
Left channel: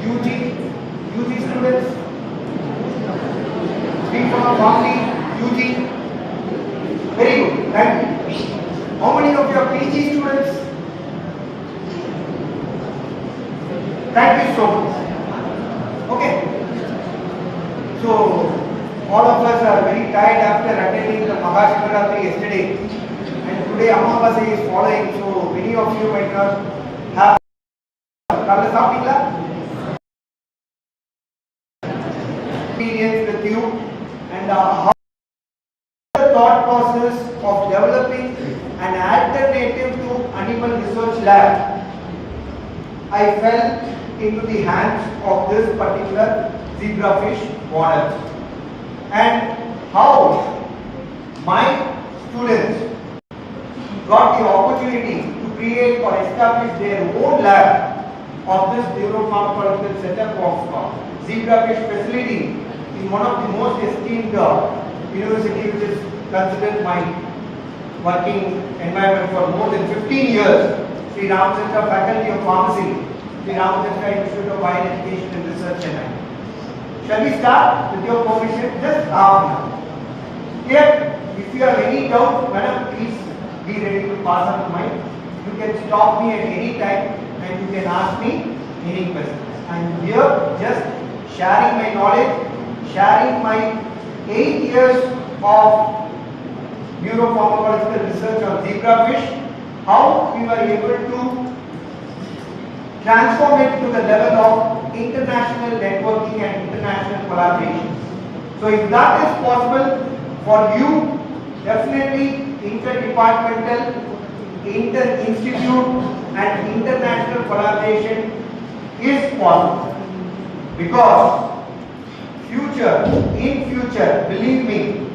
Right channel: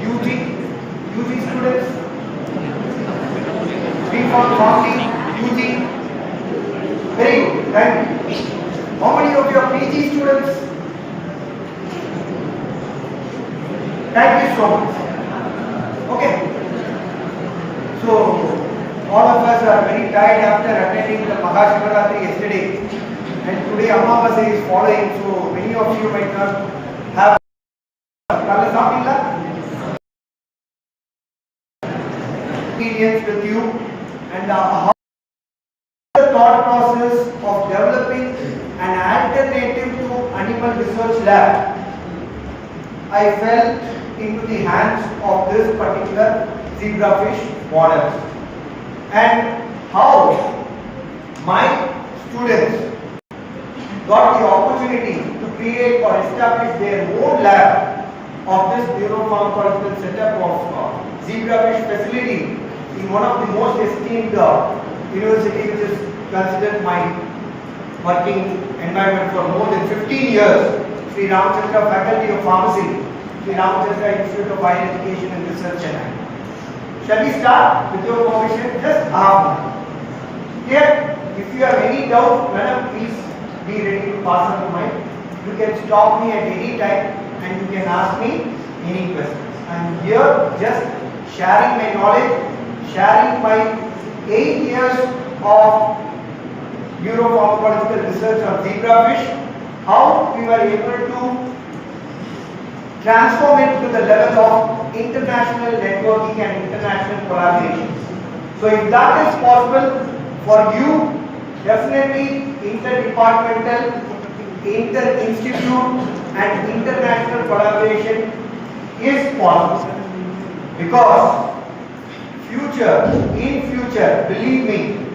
UG students? B.Pharm, Pharmacy, UG? Very good, thank you. How many of you are PG students? Thank you so much. Okay. So, all of us are very tired after attending the Mahashivratri yesterday. And today Amavasya is following, so many of you might not have experience with you, and how the thought process of developing an alternative to animal research lab, I fell into the hands of this particular zebrafish model, and how my students got the opportunity to create or establish their own lab of this neuropharmacological setup of zebrafish facility in one of the most esteemed university, which is considered my working environment for more than 15 years, Sri Ramachandra Faculty of Pharmacy, Sri Ramachandra Institute of Higher Education and Research, Chennai. Shall we start with your permission? Just half an hour. Here, if you have any doubt, madam, please be ready to pass on the mic. You can stop me at any time and you can ask me any questions. I am here just sharing my knowledge, sharing my 8 years of neuropharmacological research on zebrafish, how we were able to transform it to the level of international networking and international collaboration. So if that is possible for you, definitely interdepartmental, inter-institute and international collaboration is possible. Because in future, believe me,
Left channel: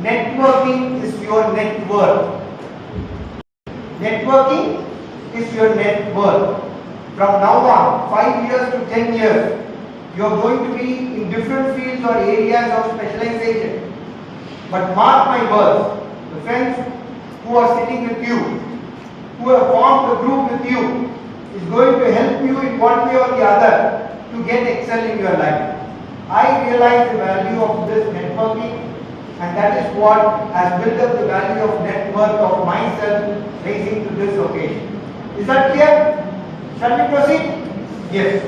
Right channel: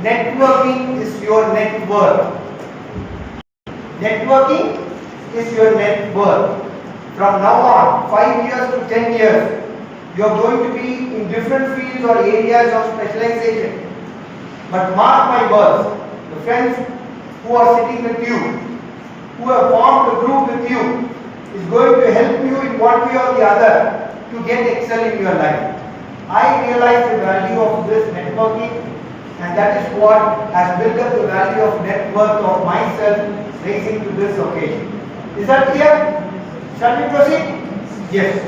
networking is your net worth. Networking is your net worth. From now on, 5 years to 10 years, you are going to be in different fields or areas of specialization. But mark my words, the friends who are sitting with you, who have formed a group with you, is going to help you in one way or the other to get excel in your life. I realize the value of this networking, and that is what has built up the value of net worth of myself raising to this occasion. Is that clear? Shall we proceed? Yes.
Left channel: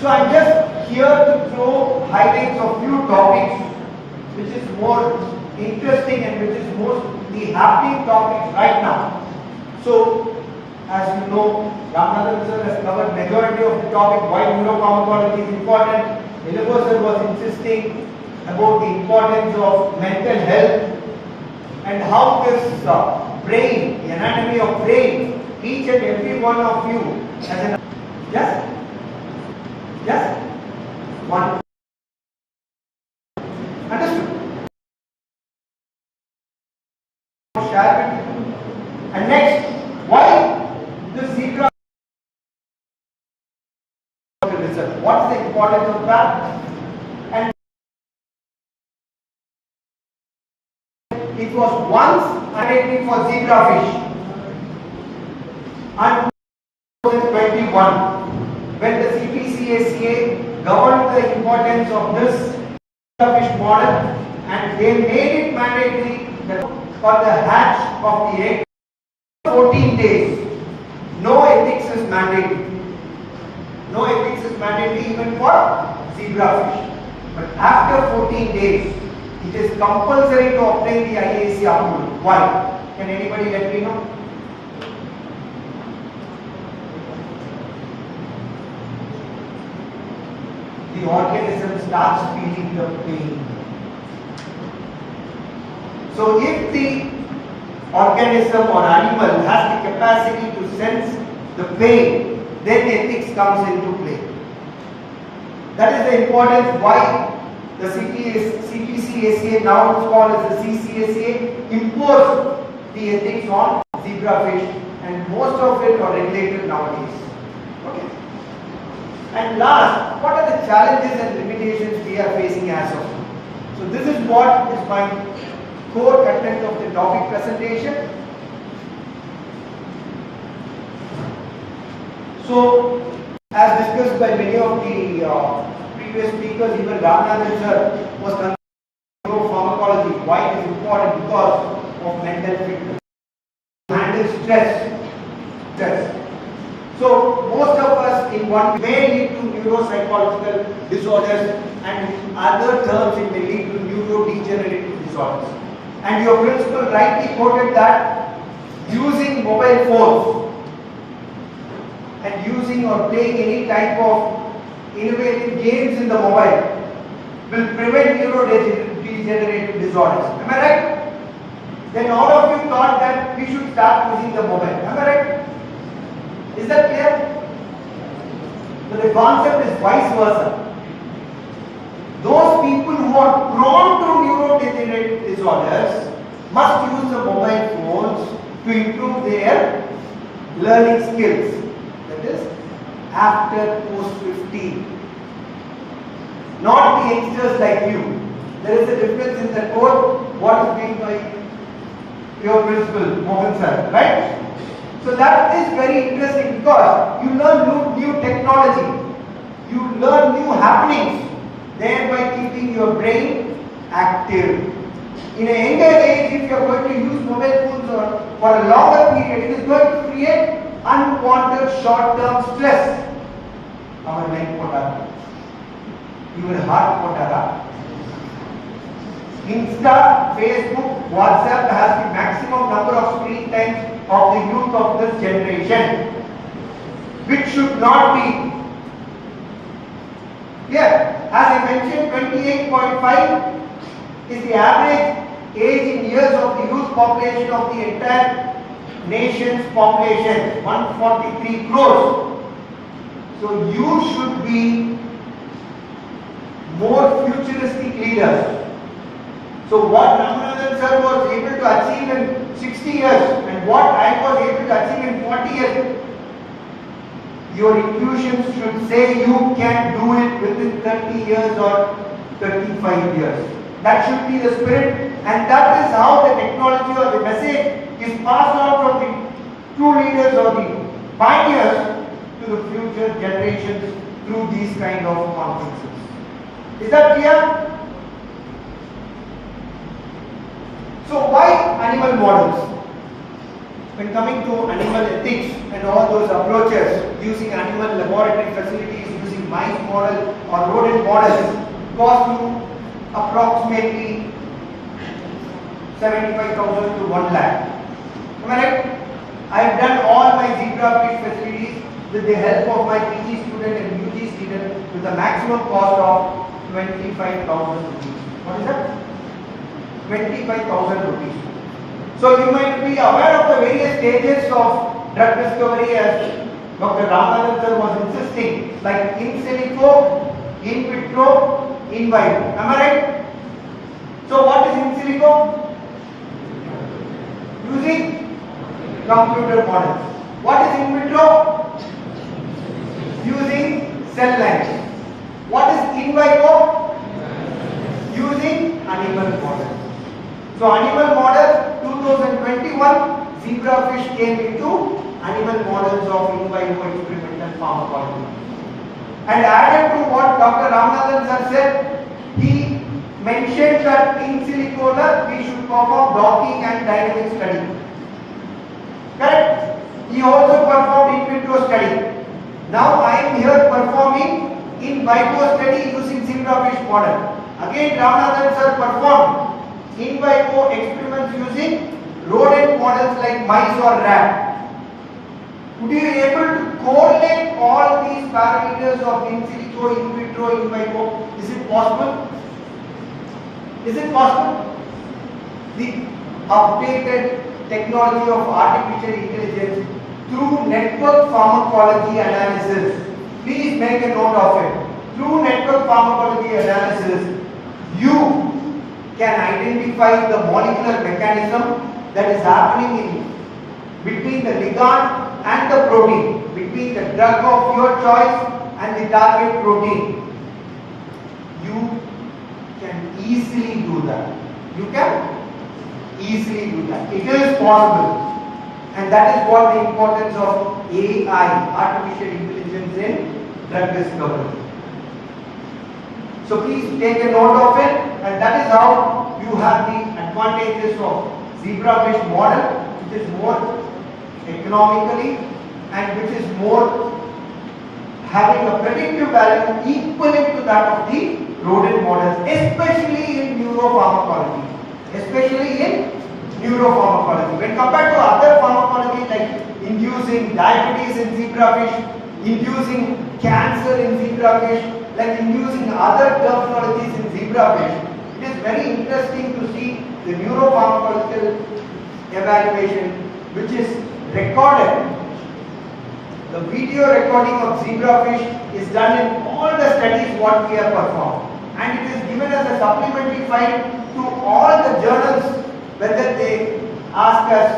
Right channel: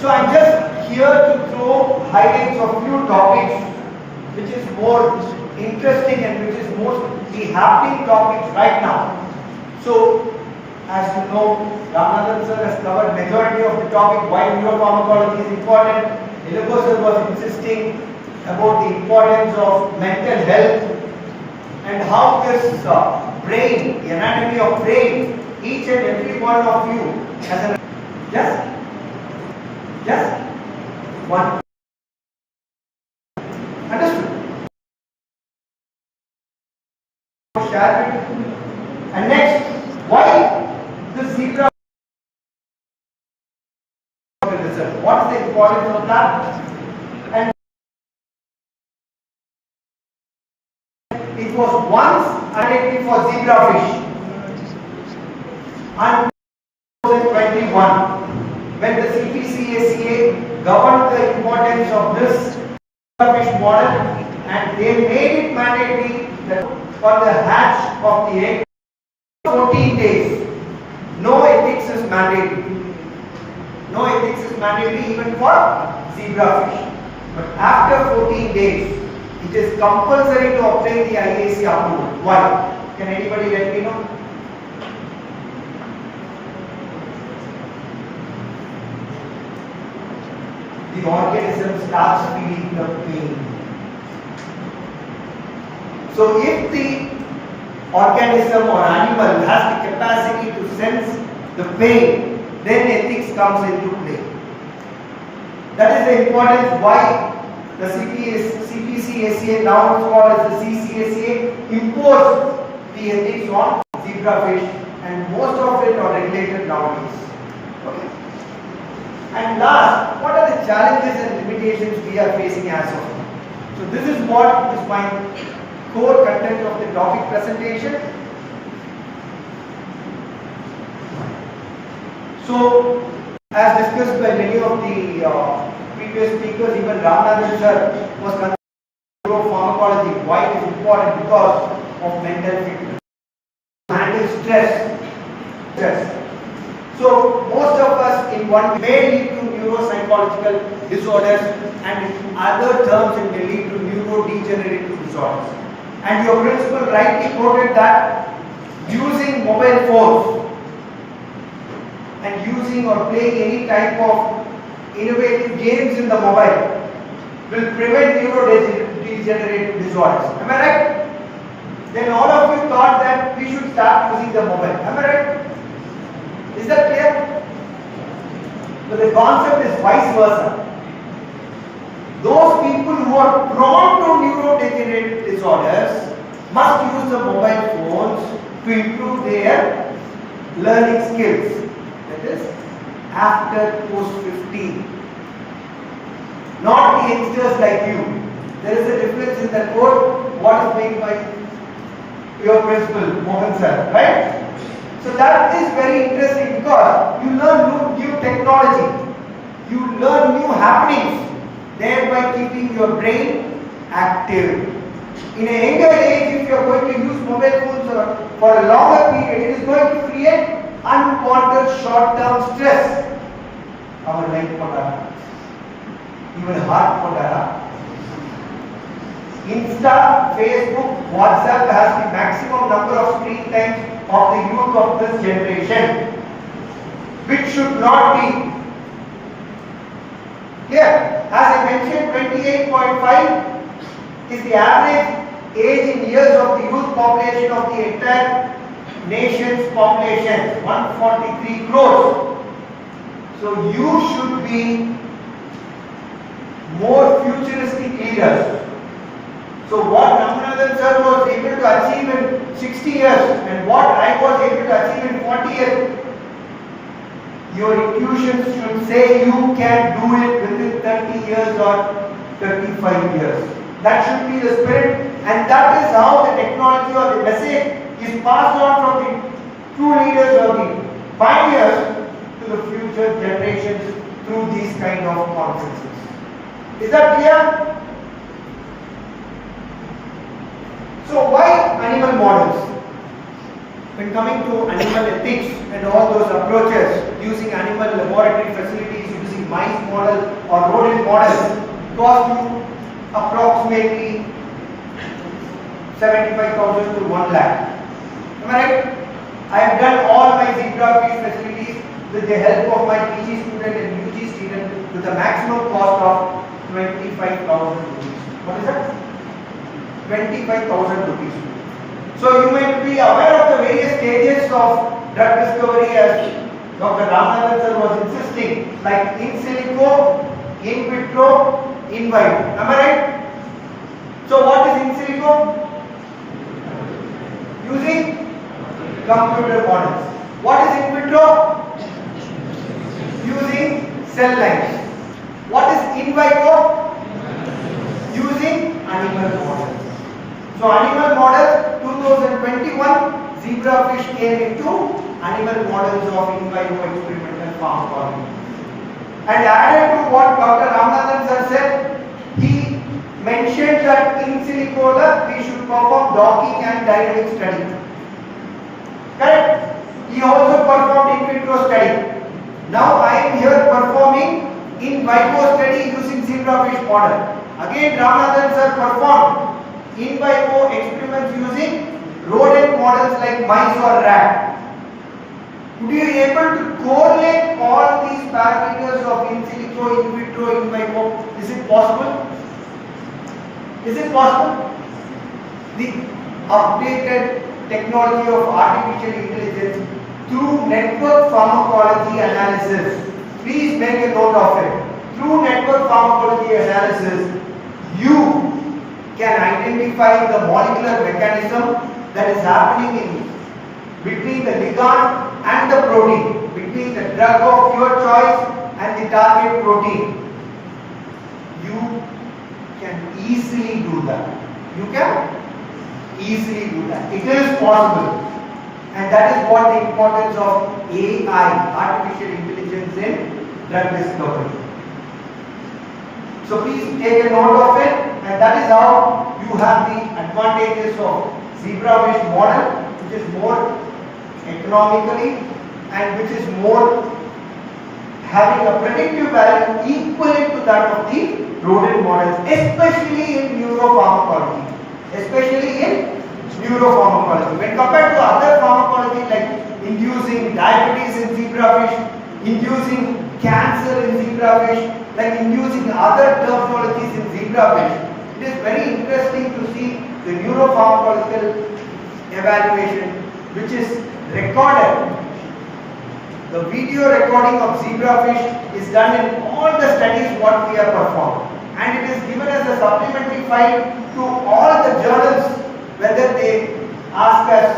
So I'm just here to throw highlights of few topics which is more interesting and which is most the happening topics right now. So, as you know, Ramanathan sir has covered majority of the topic why neuropharmacology is important. Eligo sir was insisting about the importance of mental health and how this brain, the anatomy of brain, each and every one of you has a just one. Understood? Share it. And next, why the zebra research? What is the importance of that? And it was once identity for zebrafish. And 2021, when the CPCACA governed the importance of this zebrafish model, and they made it mandatory for the hatch of the egg 14 days. No ethics is mandatory. No ethics is mandatory even for zebrafish. But after 14 days, it is compulsory to obtain the IAC approval. Why? Can anybody let me know? The organism starts feeling the pain. So if the organism or animal has the capacity to sense the pain, then ethics comes into play. That is the importance why the CPCACA, now it's called as the CCACA, imposed the ethics on zebrafish, and most of it are regulated nowadays. Okay. And last, what are the challenges and limitations we are facing as of now? So this is what is my core content of the topic presentation. So, as discussed by many of the previous speakers, even Ramanathan sir was concerned with neuropharmacology. Why it is important? Because of mental fitness. Handle stress. So, most of us in one may lead to neuropsychological disorders, and in other terms it may lead to neurodegenerative disorders. And your principal rightly quoted that using mobile phones and using or playing any type of innovative games in the mobile will prevent neurodegenerative disorders. Am I right? Then all of you thought that we should start using the mobile. Am I right? Is that clear? But the concept is vice versa. Those people who are prone to neurodegenerative disorders must use the mobile phones to improve their learning skills. That is, after post 15. Not the youngsters like you. There is a difference in the code. What is made by your principal, Mohan sir, right? So that is very interesting because you learn new technology, you learn new happenings, thereby keeping your brain active. In a younger age, if you are going to use mobile phones for a longer period, it is going to create unwanted short-term stress. Our life potara, even heart potara. Insta, Facebook, WhatsApp has the maximum number of screen time of the youth of this generation, which should not be. Here, as I mentioned, 28.5 is the average age in years of the youth population of the entire nation's population, 143 crores. So you should be more futuristic leaders. So what Ramanathan sir was able to achieve in 60 years and what I was able to achieve in 40 years, your intuitions should say you can do it within 30 years or 35 years. That should be the spirit, and that is how the technology or the message is passed on from the true leaders or the pioneers to the future generations through these kind of conferences. Is that clear? So why animal models? When coming to animal ethics and all those approaches, using animal laboratory facilities, using mice model or rodent models, cost you approximately 75,000 to 1 lakh. Am I right? I have done all my zebrafish facilities with the help of my PG student and UG student with a maximum cost of 25,000 rupees. What is that? 25,000 rupees. So you may be aware of the various stages of drug discovery as Dr. Ramanathan sir was insisting, like in silico, in vitro, in vivo. Am I right? So what is in silico? Using computer models. What is in vitro? Using cell lines. What is in vivo? Using animal models. So animal models, 2021, zebrafish came into animal models of in vivo experimental pharmacology. And added to what Dr. Ramanathan sir said, he mentioned that in silico we should perform docking and dynamic study. Correct? He also performed in vitro study. Now I am here performing in vivo study using zebrafish model. Again Ramanathan sir performed in vivo experiments using rodent models like mice or rat. Would you be able to correlate all these parameters of in silico, in vitro, in vivo? Is it possible? Is it possible? The updated technology of artificial intelligence through network pharmacology analysis. Please make a note of it. Through network pharmacology analysis, you can identify the molecular mechanism that is happening between the ligand and the protein, between the drug of your choice and the target protein, you can easily do that. You can easily do that. It is possible. And that is what the importance of AI, artificial intelligence, in drug discovery. So please take a note of it, and that is how you have the advantages of zebra-fish model, which is more economically and which is more having a predictive value equivalent to that of the rodent models, especially in neuropharmacology. Especially in neuropharmacology. When compared to other pharmacology like inducing diabetes in zebrafish, inducing cancer in zebrafish, like inducing other terminologies in zebrafish, it is very interesting to see the neuropharmacological evaluation which is recorded. The video recording of zebrafish is done in all the studies what we have performed, and it is given as a supplementary file to all the journals whether they ask us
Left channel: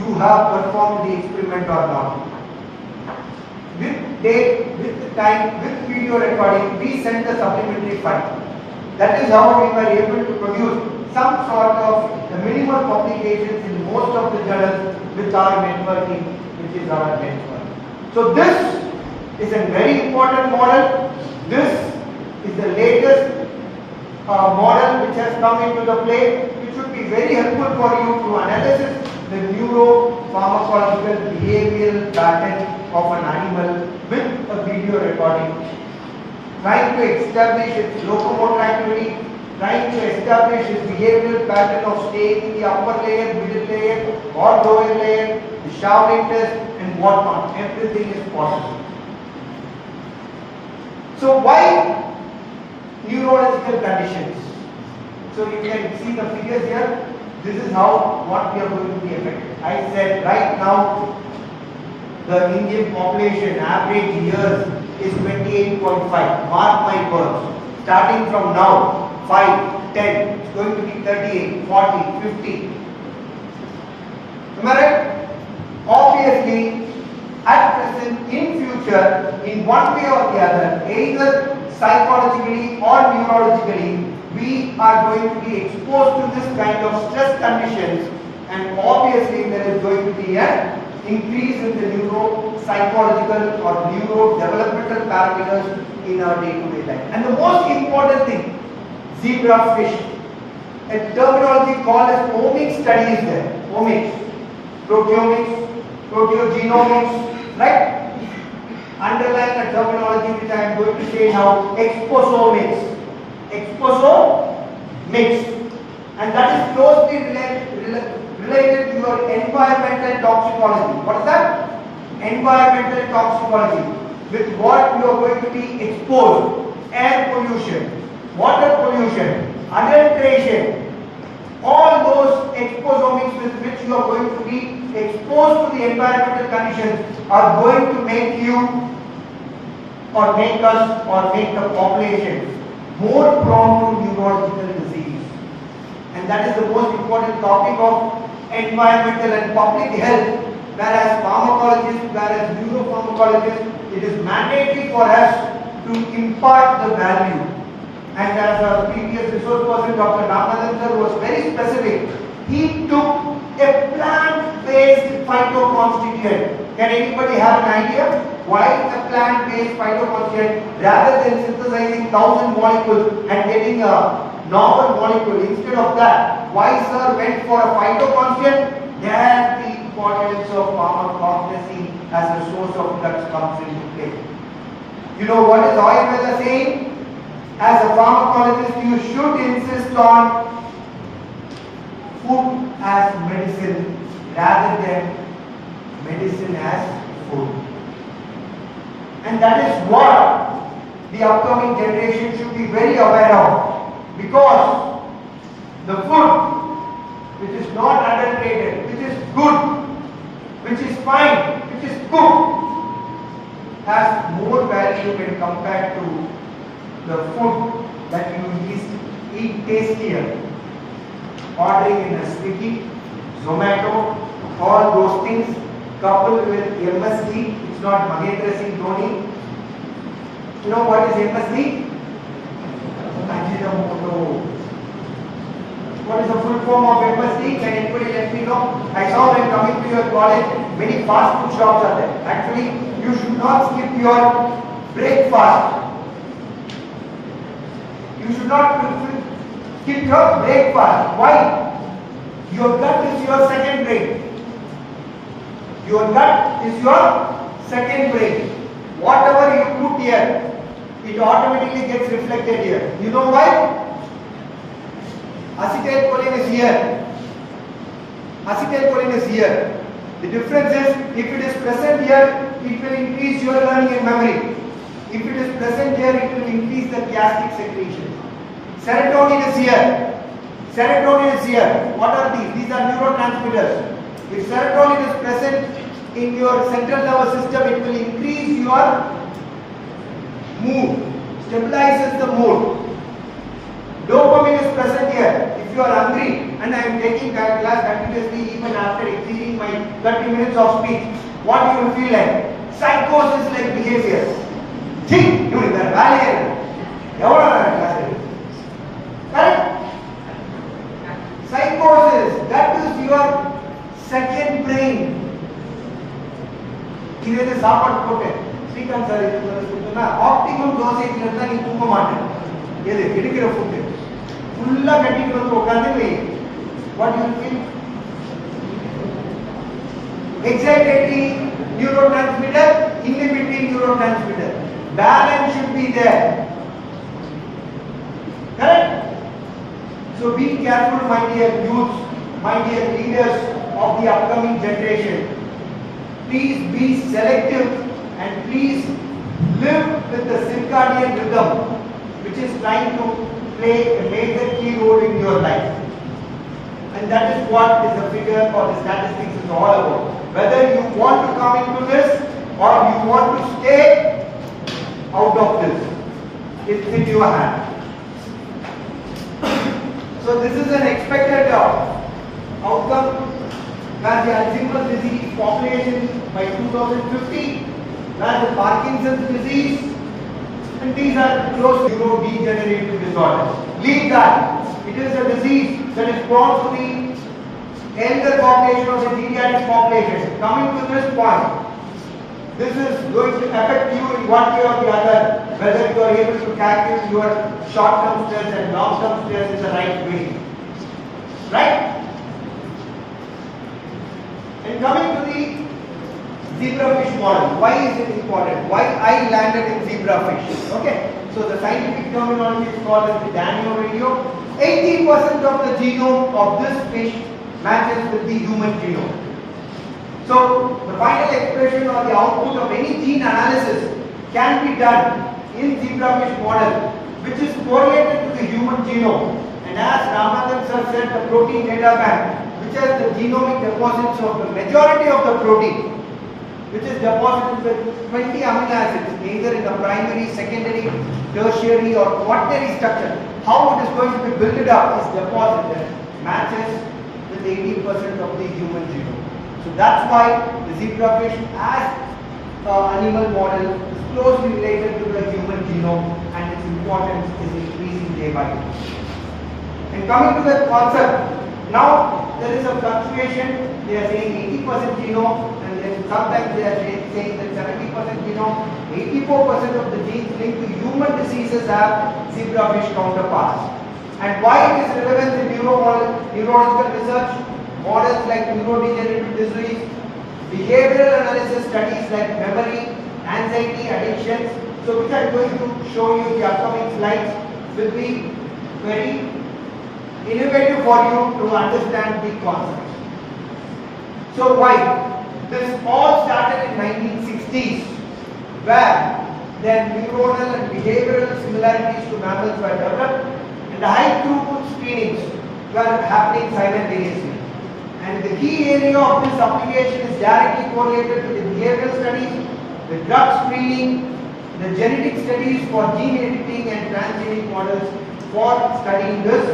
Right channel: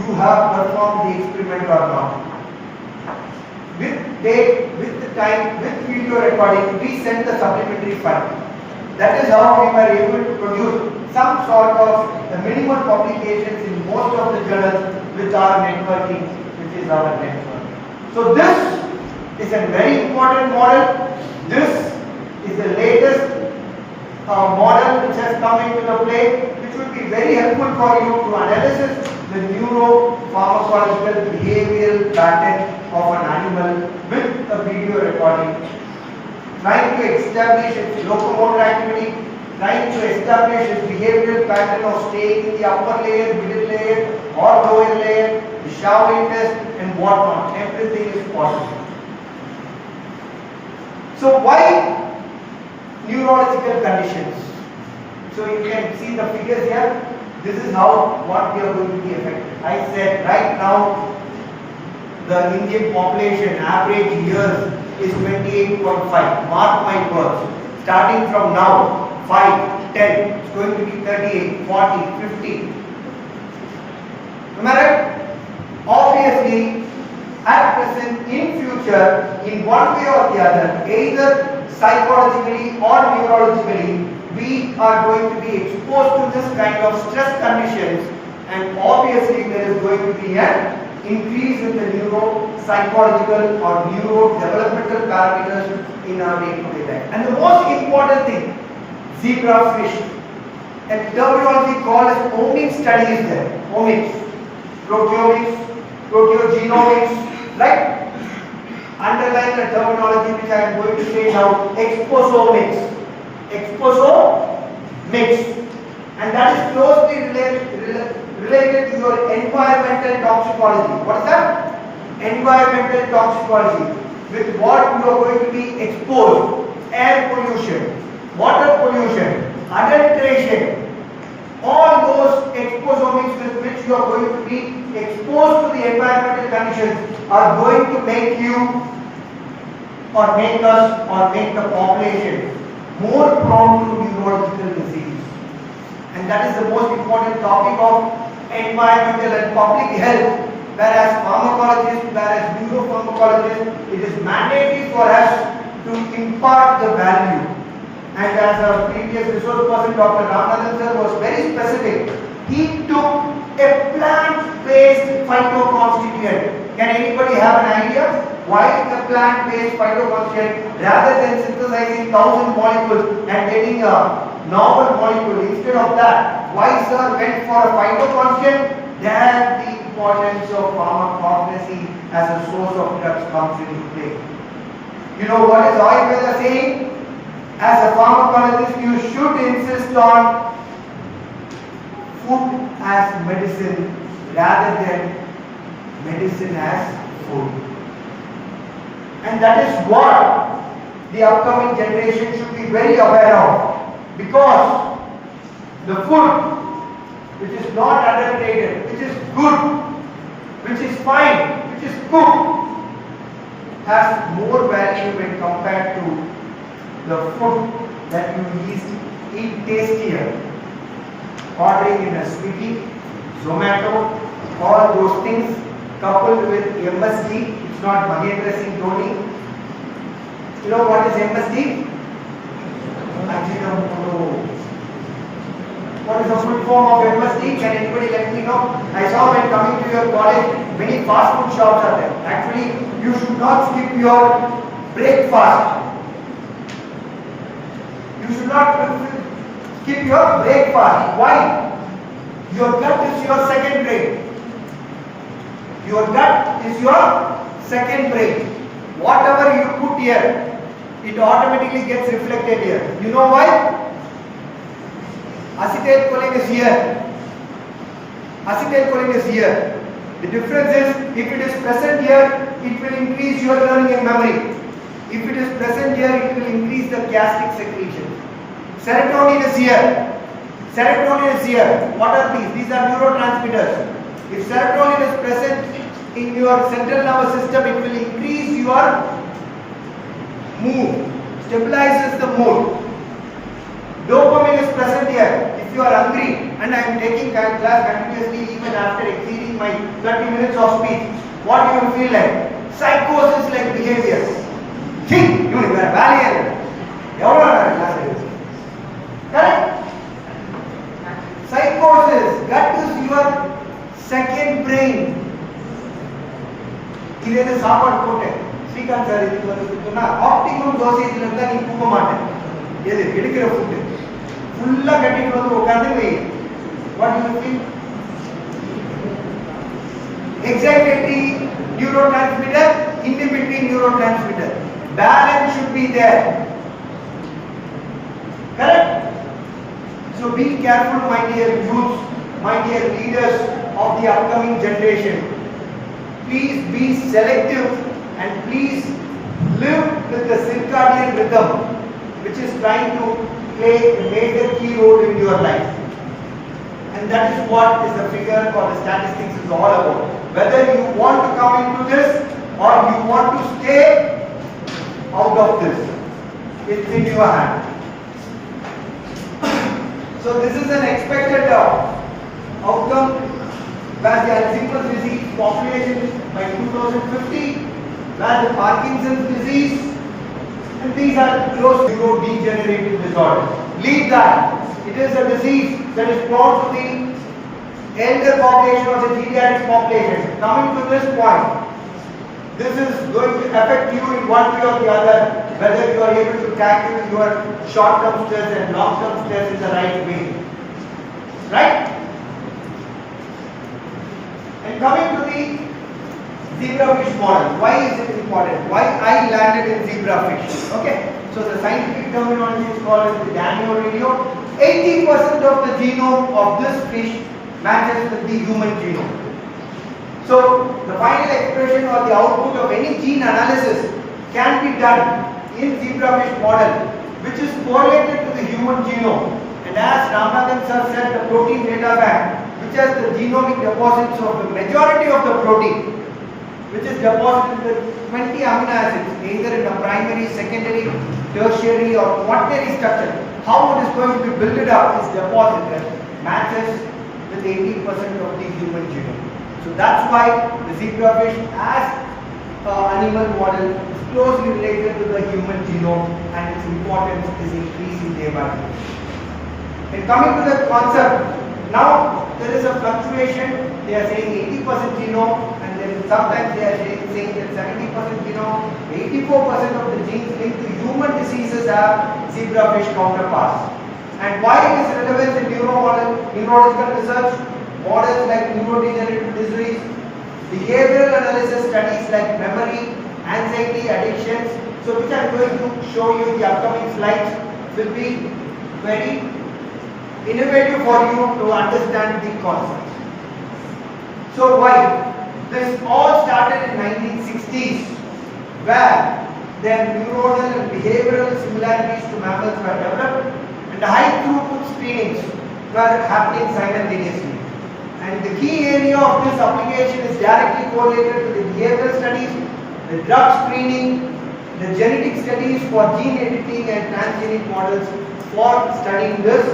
you have performed the experiment or not. With date, with the time, with video recording, we send the supplementary file. That is how we were able to produce some sort of the minimum publications in most of the journals with our networking, which is our network. So this is a very important model. This is the latest model which has come into the play, which would be very helpful for you to analyze the neuropharmacological behavioral pattern of an animal with a video recording, trying to establish its locomotor activity, trying to establish its behavioral pattern of staying in the upper layer, middle layer or lower layer, the shower interest and whatnot. Everything is possible. So why neurological conditions? So you can see the figures here. This is how what we are going to be affected. I said right now the Indian population average years is 28.5. Mark my words. Starting from now, 5, 10, it's going to be 38, 40, 50. Am I right? Obviously, at present, in future, in one way or the other, either psychologically or neurologically, we are going to be exposed to this kind of stress conditions, and obviously there is going to be an increase in the neuropsychological or neurodevelopmental parameters in our day-to-day life. And the most important thing, zebrafish, a terminology called as omics study is there. Omics, proteomics, proteogenomics, right? Underline the terminology which I am going to say now, exposomics. Exposomics, and that is closely related to your environmental toxicology. What is that? Environmental toxicology. With what you are going to be exposed: air pollution, water pollution, adulteration, all those exposomics with which you are going to be exposed to the environmental conditions are going to make you or make us or make the population more prone to neurological disease. And that is the most important topic of environmental and public health. Whereas pharmacologists, whereas neuropharmacologists, it is mandatory for us to impart the value. And as our previous resource person, Dr. Ramanathan sir, was very specific, he took a plant-based phytoconstituent. Can anybody have an idea? Why a plant-based phytoconstituent rather than synthesizing 1000 molecules and getting a novel molecule? Instead of that, why sir went for a phytoconstituent? There the importance of pharmacognosy as a source of drugs comes into play. You know what is Ayurveda saying? As a pharmacologist, you should insist on food as medicine rather than medicine as food. And that is what the upcoming generation should be very aware of, because the food which is not adulterated, which is good, which is fine, which is cooked, has more value when compared to the food that you eat tastier. Ordering in a Swiggy, Zomato, all those things coupled with MSG, it's not Mahendra Singh Dhoni, You know what is MSD? What is the full form of MSD? Can anybody let me know? I saw when coming to your college, many fast food shops are there. Actually, you should not skip your breakfast. You should not skip your breakfast. Why? Your gut is your second brain. Your gut is your second brain. Whatever you put here, it automatically gets reflected here. You know why? Acetylcholine is here. Acetylcholine is here. The difference is, if it is present here, it will increase your learning and memory. If it is present here, it will increase the gastric secretion. Serotonin is here. Serotonin is here. What are these? These are neurotransmitters. If serotonin is present in your central nervous system, it will increase your mood, stabilizes the mood. Dopamine is present here. If you are hungry and I am taking that class continuously even after exceeding my 30 minutes of speech, what do you feel like? Psychosis like behavior. Think, you are valiant. Correct? Psychosis, that is your second brain. Even a சாப்பாடு போட்டேன் Srikanth sir இதுக்கு வந்து optimum டோசேஜ்ல இருந்தா நீ தூங்க மாட்டேன். எது எடுக்கிற ஃபுட் ஃபுல்லா கட்டிட்டு வந்து உட்கார்ந்து what do you feel? Excitatory neurotransmitter, inhibitory neurotransmitter. Balance should be there. Correct? So be careful, my dear youth, my dear leaders of the upcoming generation. Please be selective and please live with the circadian rhythm, which is trying to play a major key role in your life. And that is what is the figure or the statistics is all about. Whether you want to come into this or you want to stay out of this, it's in your hand. So this is an expected outcome where the Alzheimer's disease population by 2050, where the Parkinson's disease, and these are close to neurodegenerative disorders. Leave that. It is a disease that is brought to the elder population or the geriatric population. Coming to this point, this is going to affect you in one way or the other, whether you are able to calculate your short-term stress and long-term stress in the right way. Right? And coming to the zebrafish model, why is it important? Why I landed in zebrafish? Okay, so the scientific terminology is called as the Danio radio. 80% of the genome of this fish matches with the human genome. So the final expression or the output of any gene analysis can be done in zebrafish model, which is correlated to the human genome. And as Ramanathan sir said, the protein data bank, which has the genomic deposits of the majority of the protein, which is deposited with 20 amino acids, either in the primary, secondary, tertiary or quaternary structure. How it is going to be built up is deposited, matches with 80% of the human genome. So that's why the zebrafish as an animal model is closely related to the human genome and its importance is increasing day by day. And coming to the concept, now there is a fluctuation. They are saying 80% genome, and then sometimes they are saying that 70% genome, 84% of the genes linked to human diseases have zebrafish counterparts. And why it is relevant in neurological research, models like neurodegenerative disease, behavioral analysis studies like memory, anxiety, addictions. So which I am going to show you in the upcoming slides will be very innovative for you to understand the concept. So why? This all started in 1960s, where their neuronal and behavioral similarities to mammals were developed, and the high throughput screenings were happening simultaneously. And the key area of this application is directly correlated to the behavioral studies, the drug screening, the genetic studies for gene editing and transgenic models for studying this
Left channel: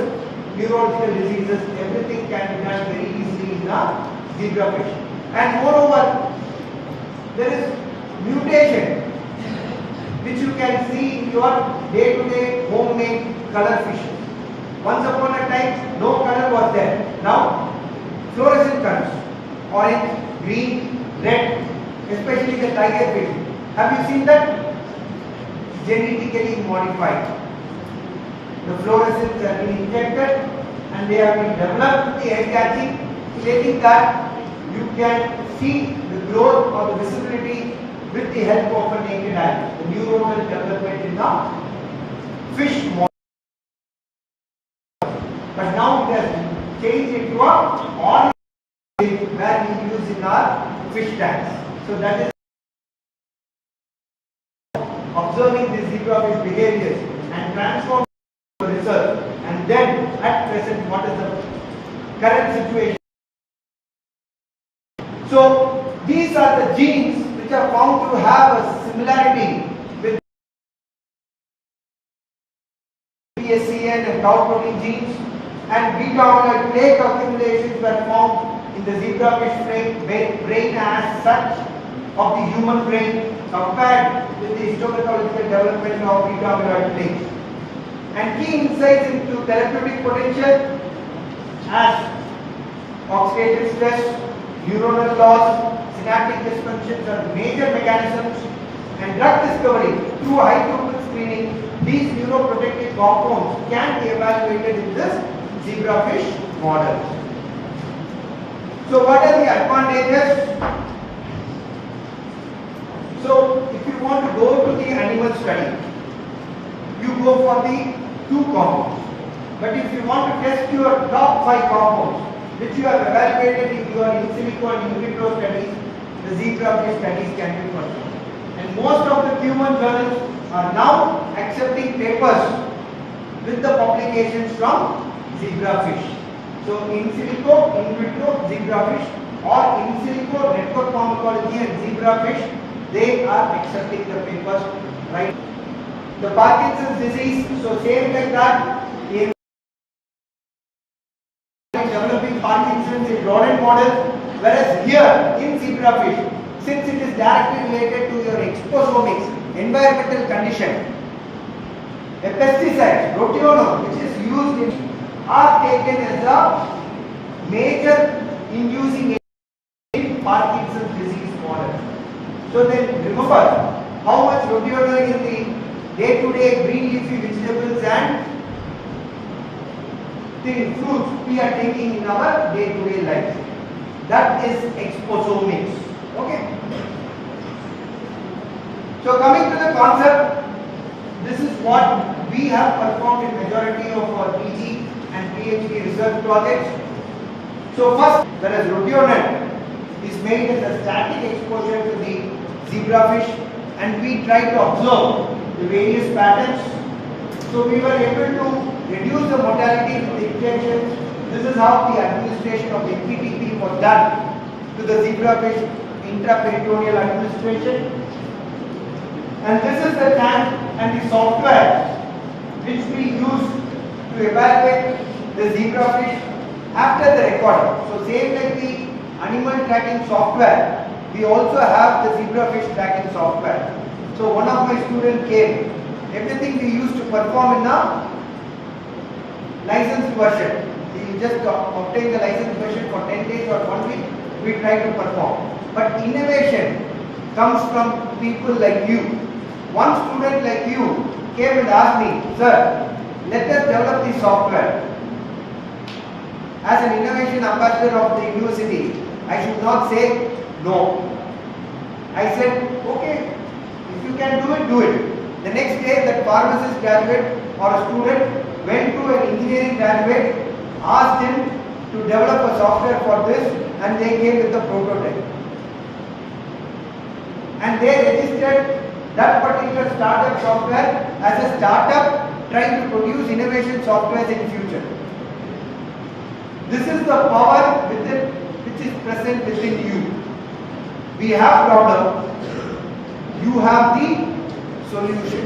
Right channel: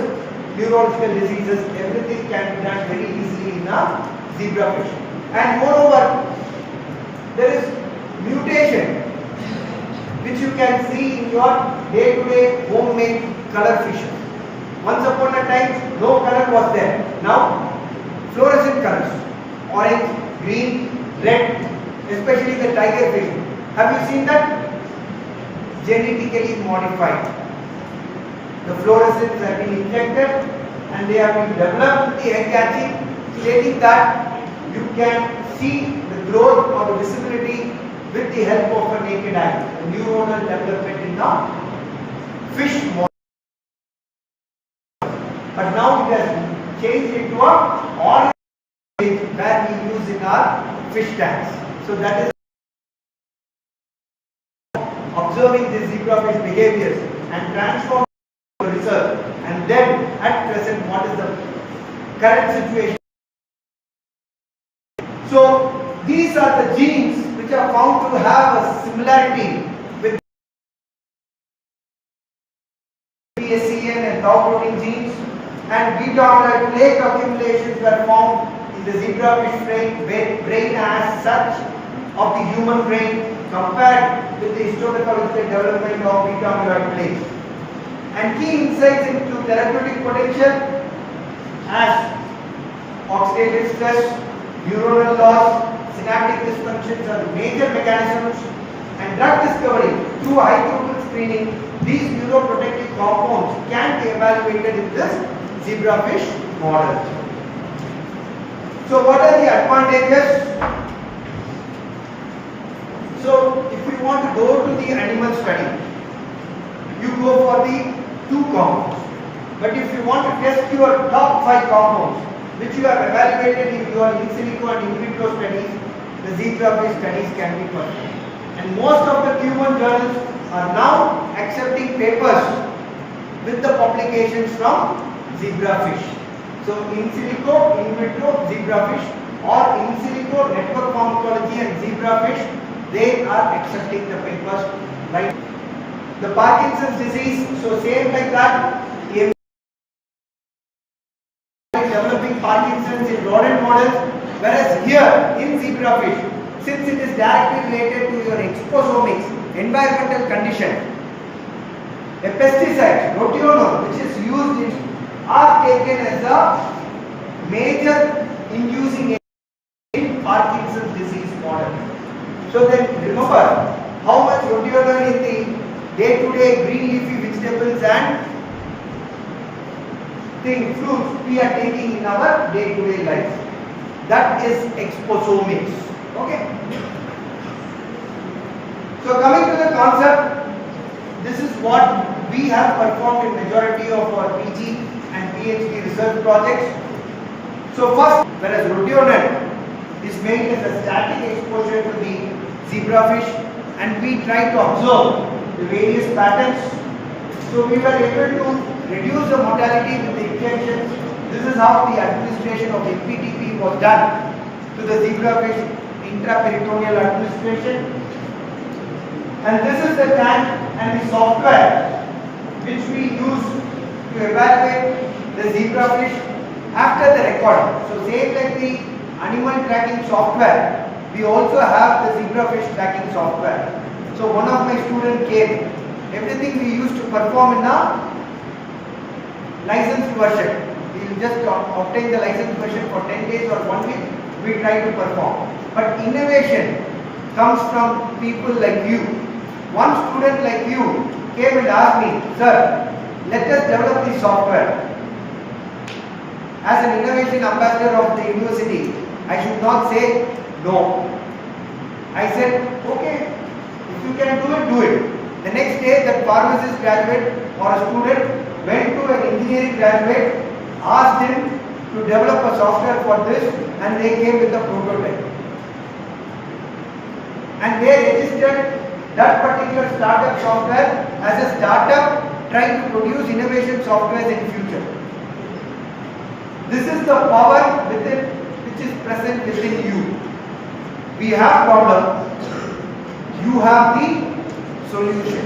neurological diseases. Everything can be done very easily in a zebrafish. And moreover, there is mutation. which you can see in your day-to-day homemade color fishes. Once upon a time, no color was there. Now, fluorescent colors, orange, green, red, especially the tiger fish. Have you seen that? Genetically modified. The fluorescents have been injected and they have been developed with the air catching, stating that you can see the growth or the visibility with the help of a naked eye. The neuronal development in the fish model. But now it has changed into a orange where we use in our fish tanks. So that is observing the zebrafish behaviors and transform the research. And then at present, what is the current situation? So these are the genes which are found to have a similarity with PSCN and tau protein genes, and beta-amyloid plaque accumulations were found in the zebrafish brain as such of the human brain compared with the histopathological development of beta-amyloid plaques. And key insights into therapeutic potential as oxidative stress, neuronal loss, synaptic dysfunctions are the major mechanisms, and drug discovery through high throughput screening. These neuroprotective compounds can be evaluated in this zebrafish model. So what are the advantages? So if you want to go to the animal study, you go for the 2 compounds. But if you want to test your top 5 compounds, which you have evaluated in your in silico and in vitro studies, the zebrafish studies can be performed. And most of the human journals are now accepting papers with the publications from zebrafish. So in silico, in vitro, zebrafish, or in silico, network pharmacology and zebrafish, they are accepting the papers, right? The Parkinson's disease, so same like that, in developing Parkinson's in rodent models, whereas here in zebrafish, since it is directly related to your exposomics, environmental condition, a pesticide, rotenone, which is used in, are taken as a major inducing in Parkinson's disease model. So then remember how much rotenone in the day-to-day green leafy vegetables and fruits we are taking in our day-to-day life. That is exposomics. Okay. So coming to the concept, this is what we have performed in majority of our PG and PhD research projects. So first, whereas rotenone is made as a static exposure to the zebrafish, and we try to observe the various patterns. So we were able to reduce the mortality with the injections. This is how the administration of the PTP was done to the zebrafish, intraperitoneal administration. And this is the tank and the software which we use to evaluate the zebrafish after the recording. So same like the animal tracking software, we also have the zebrafish tracking software. So one of my students came, everything we used to perform in a licensed version. We will just obtain the licensed version for 10 days or 1 week, we try to perform. But innovation comes from people like you. One student like you came and asked me, sir, let us develop this software. As an innovation ambassador of the university, I should not say no. I said, okay, if you can do it, do it. The next day, that pharmacist graduate or a student went to an engineering graduate, asked him to develop a software for this, and they came with a prototype. And they registered that particular startup software as a startup trying to produce innovation software in future. This is the power within which is present within you. We have problem, you have the solution.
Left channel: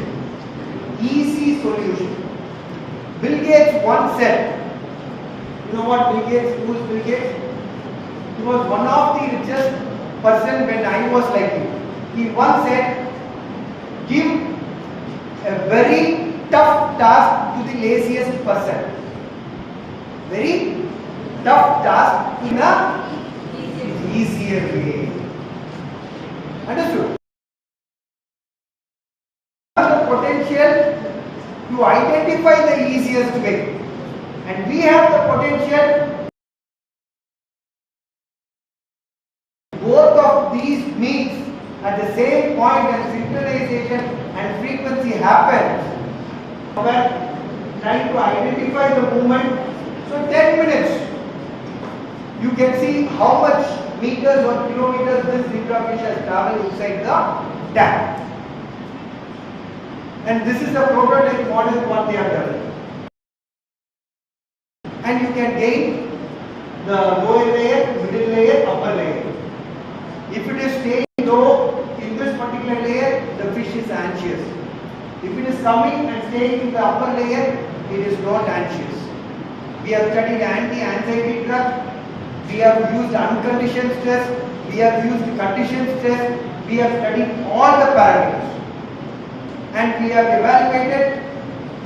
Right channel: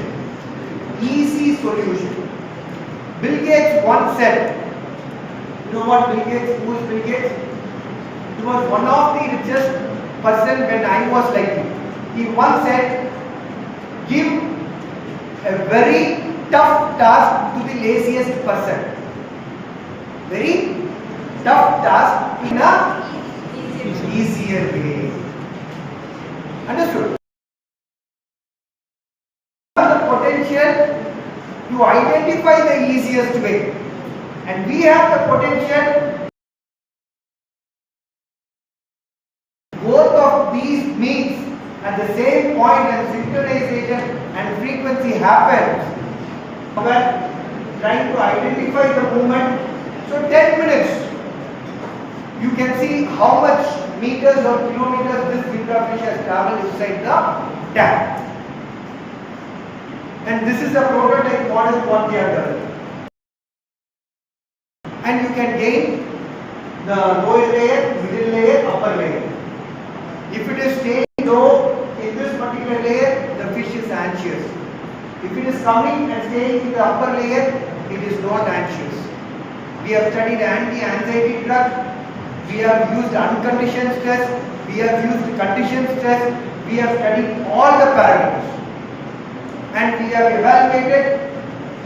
Easy solution. Bill Gates once said, you know what Bill Gates, who is Bill Gates? He was one of the richest person when I was like him. He once said, give a very tough task to the laziest person. Very tough task in a easier way. Understood? The potential to identify the easiest way, and we have the potential. Both of these meets at the same point and synchronization and frequency happens. When trying to identify the movement, so 10 minutes, you can see how much meters or kilometers this zebrafish has traveled inside the tank. And this is a prototype model what they have done. And you can gain the lower layer, middle layer, upper layer. If it is staying low in this particular layer, the fish is anxious. If it is coming and staying in the upper layer, it is not anxious. We have studied anti-anxiety drug. We have used unconditioned stress. We have used conditioned stress. We have studied all the parameters. And we have evaluated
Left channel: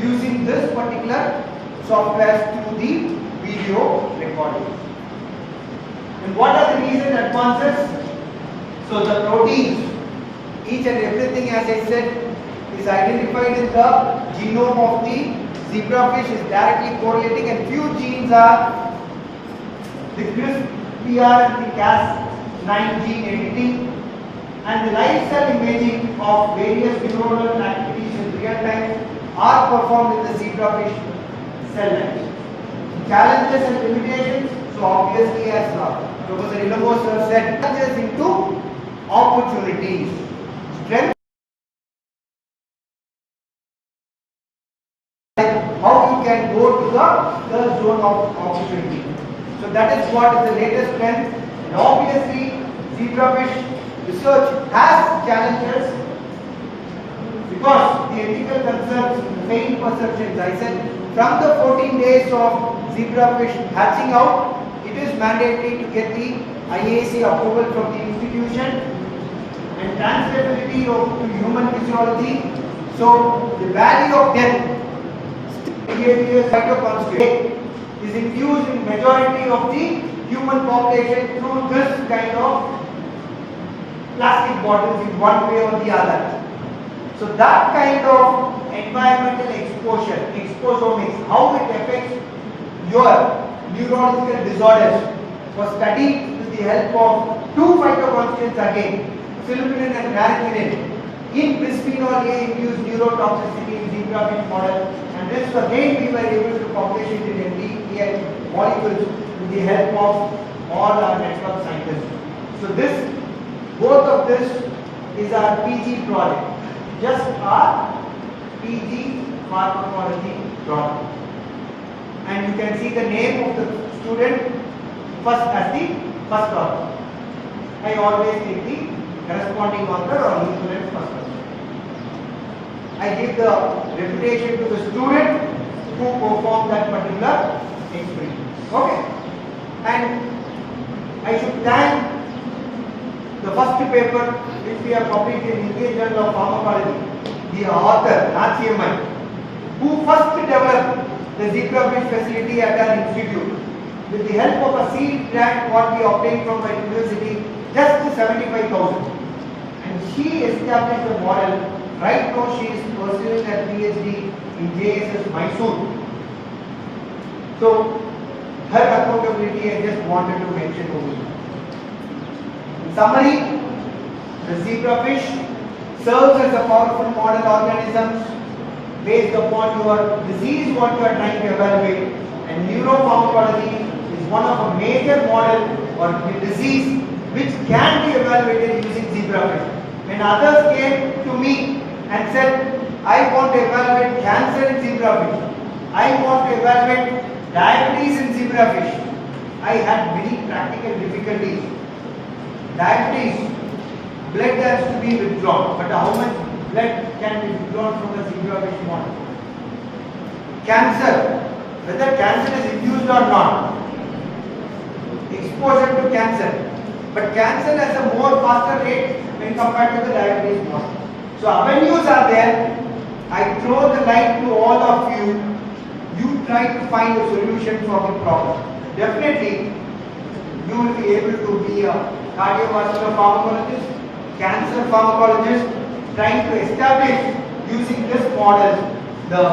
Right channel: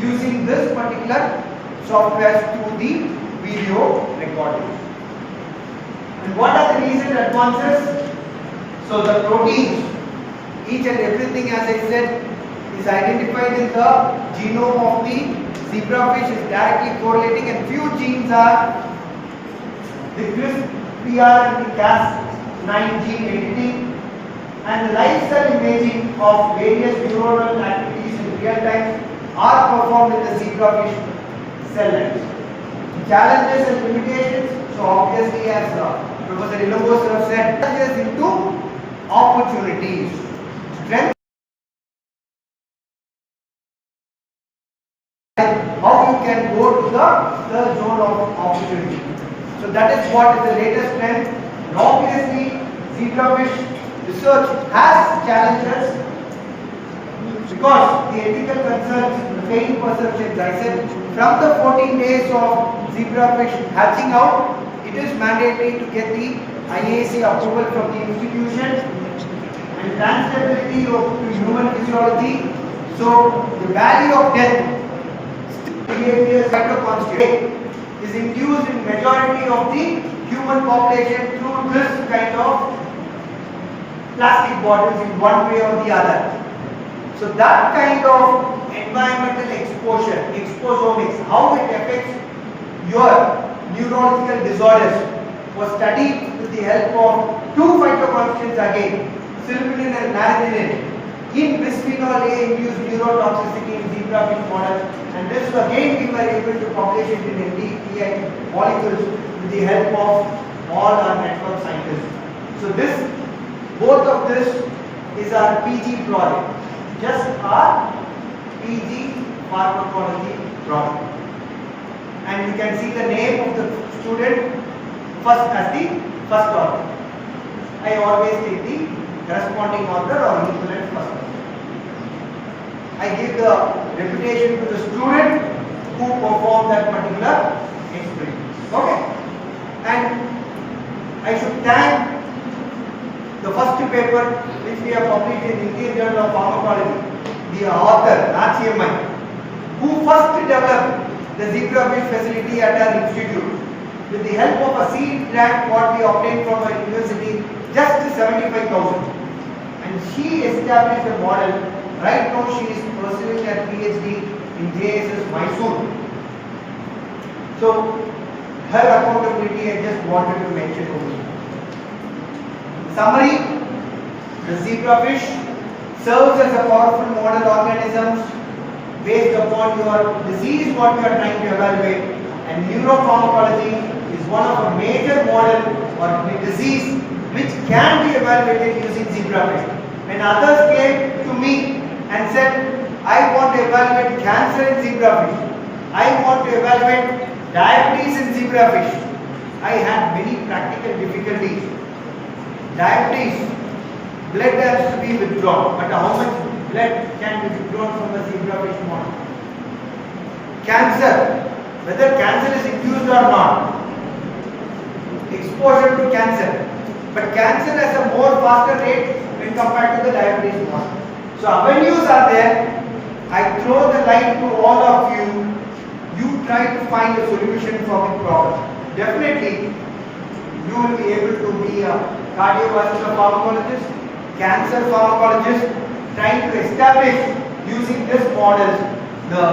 using this particular software to the video recording. And what are the recent advances? So the proteins, each and everything, as I said, is identified in the genome of the zebrafish, is directly correlating, and few genes are the CRISPR and the Cas9 gene editing, and the live cell imaging of various neuronal activities in real time are performed in the zebrafish cell lines. Challenges and limitations, so obviously as Professor Ilambos said, challenges into opportunities. Strength, how you can go to the zone of opportunity. So that is what is the latest trend. And obviously, zebrafish research has challenges because the ethical concerns, the failing perceptions. I said from the 14 days of zebrafish hatching out, it is mandatory to get the IAC approval from the institution, and transferability to human physiology. So the value of death is induced in majority of the human population through this kind of plastic bottles in one way or the other. So that kind of environmental exposure, exposomics, how it affects your neurological disorders, was studied with the help of two phytoconstants again, silpinin and naringenin, in bisphenol A induced neurotoxicity in zebrafish model, and this again we were able to publish it in MDPI molecules with the help of all our network scientists. So this, both of this is our PG project, just our PG pharmacology project. And you can see the name of the student first as the first author. I always take the corresponding author or equivalent first author. I give the reputation to the student who performed that particular experiment. Okay? And I should thank the first paper which we have published in Indian Journal of Pharmacology, the author, Nachiyamai, who first developed the zebrafish facility at our institute. With the help of a seed grant what we obtained from our university, just 75,000. And she established a model. Right now she is pursuing a PhD in JSS Mysore. So her accountability I just wanted to mention over here. In summary, the zebrafish serves as a powerful model organism based upon your disease what you are trying to evaluate, and neuropharmacology is one of a major model or disease which can be evaluated using zebrafish. When others came to me and said, I want to evaluate cancer in zebrafish, I want to evaluate diabetes in zebrafish, I had many practical difficulties. Diabetes, blood has to be withdrawn, but how much blood can be withdrawn from the zebrafish model? Cancer, whether cancer is induced or not, exposure to cancer, but cancer has a more faster rate when compared to the diabetes model. So avenues are there, I throw the line to all of you. You try to find a solution for the problem. Definitely, you will be able to be a cardiovascular pharmacologist, cancer pharmacologist, trying to establish using this model the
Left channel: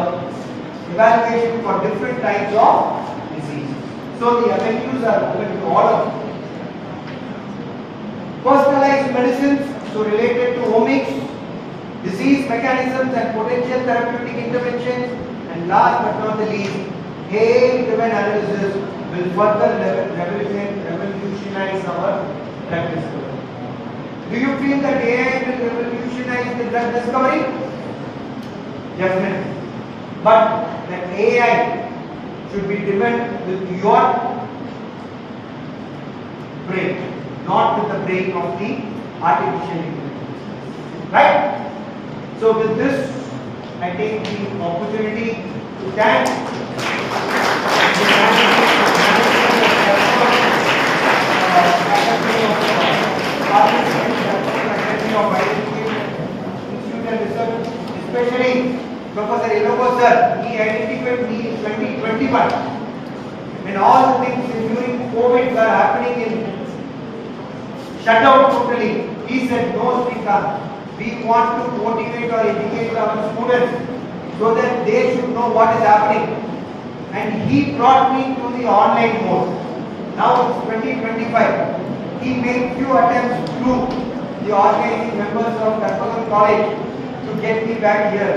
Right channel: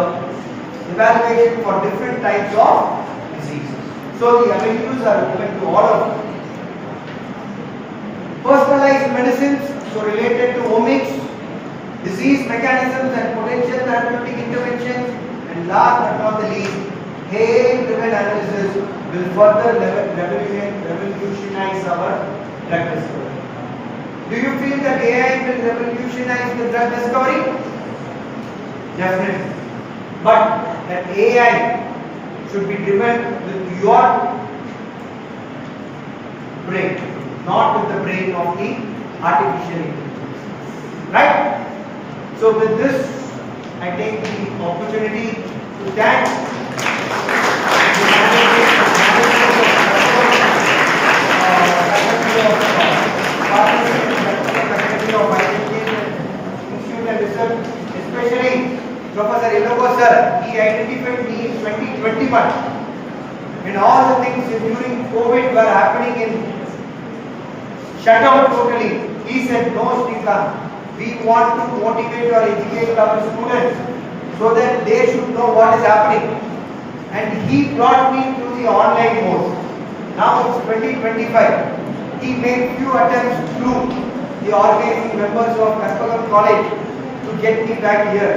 evaluation for different types of disease. So the avenues are open to all of you. Personalized medicines, so related to omics, disease mechanisms and potential therapeutic interventions, and last but not the least, AI-driven analysis will further revolutionize our drug discovery. Do you feel that AI will revolutionize the drug discovery? Definitely. But that AI should be driven with your brain, not with the brain of the artificial intelligence. Right? So with this, I take the opportunity to thank the especially Professor Iloko sir. He identified me in 2021 when all the things during COVID were happening in shut out totally. He said, no, Srikant, we want to motivate or educate our students so that they should know what is happening. And he brought me to the online mode. Now it's 2025. He made few attempts through the organizing members of Karpagam College to get me back here.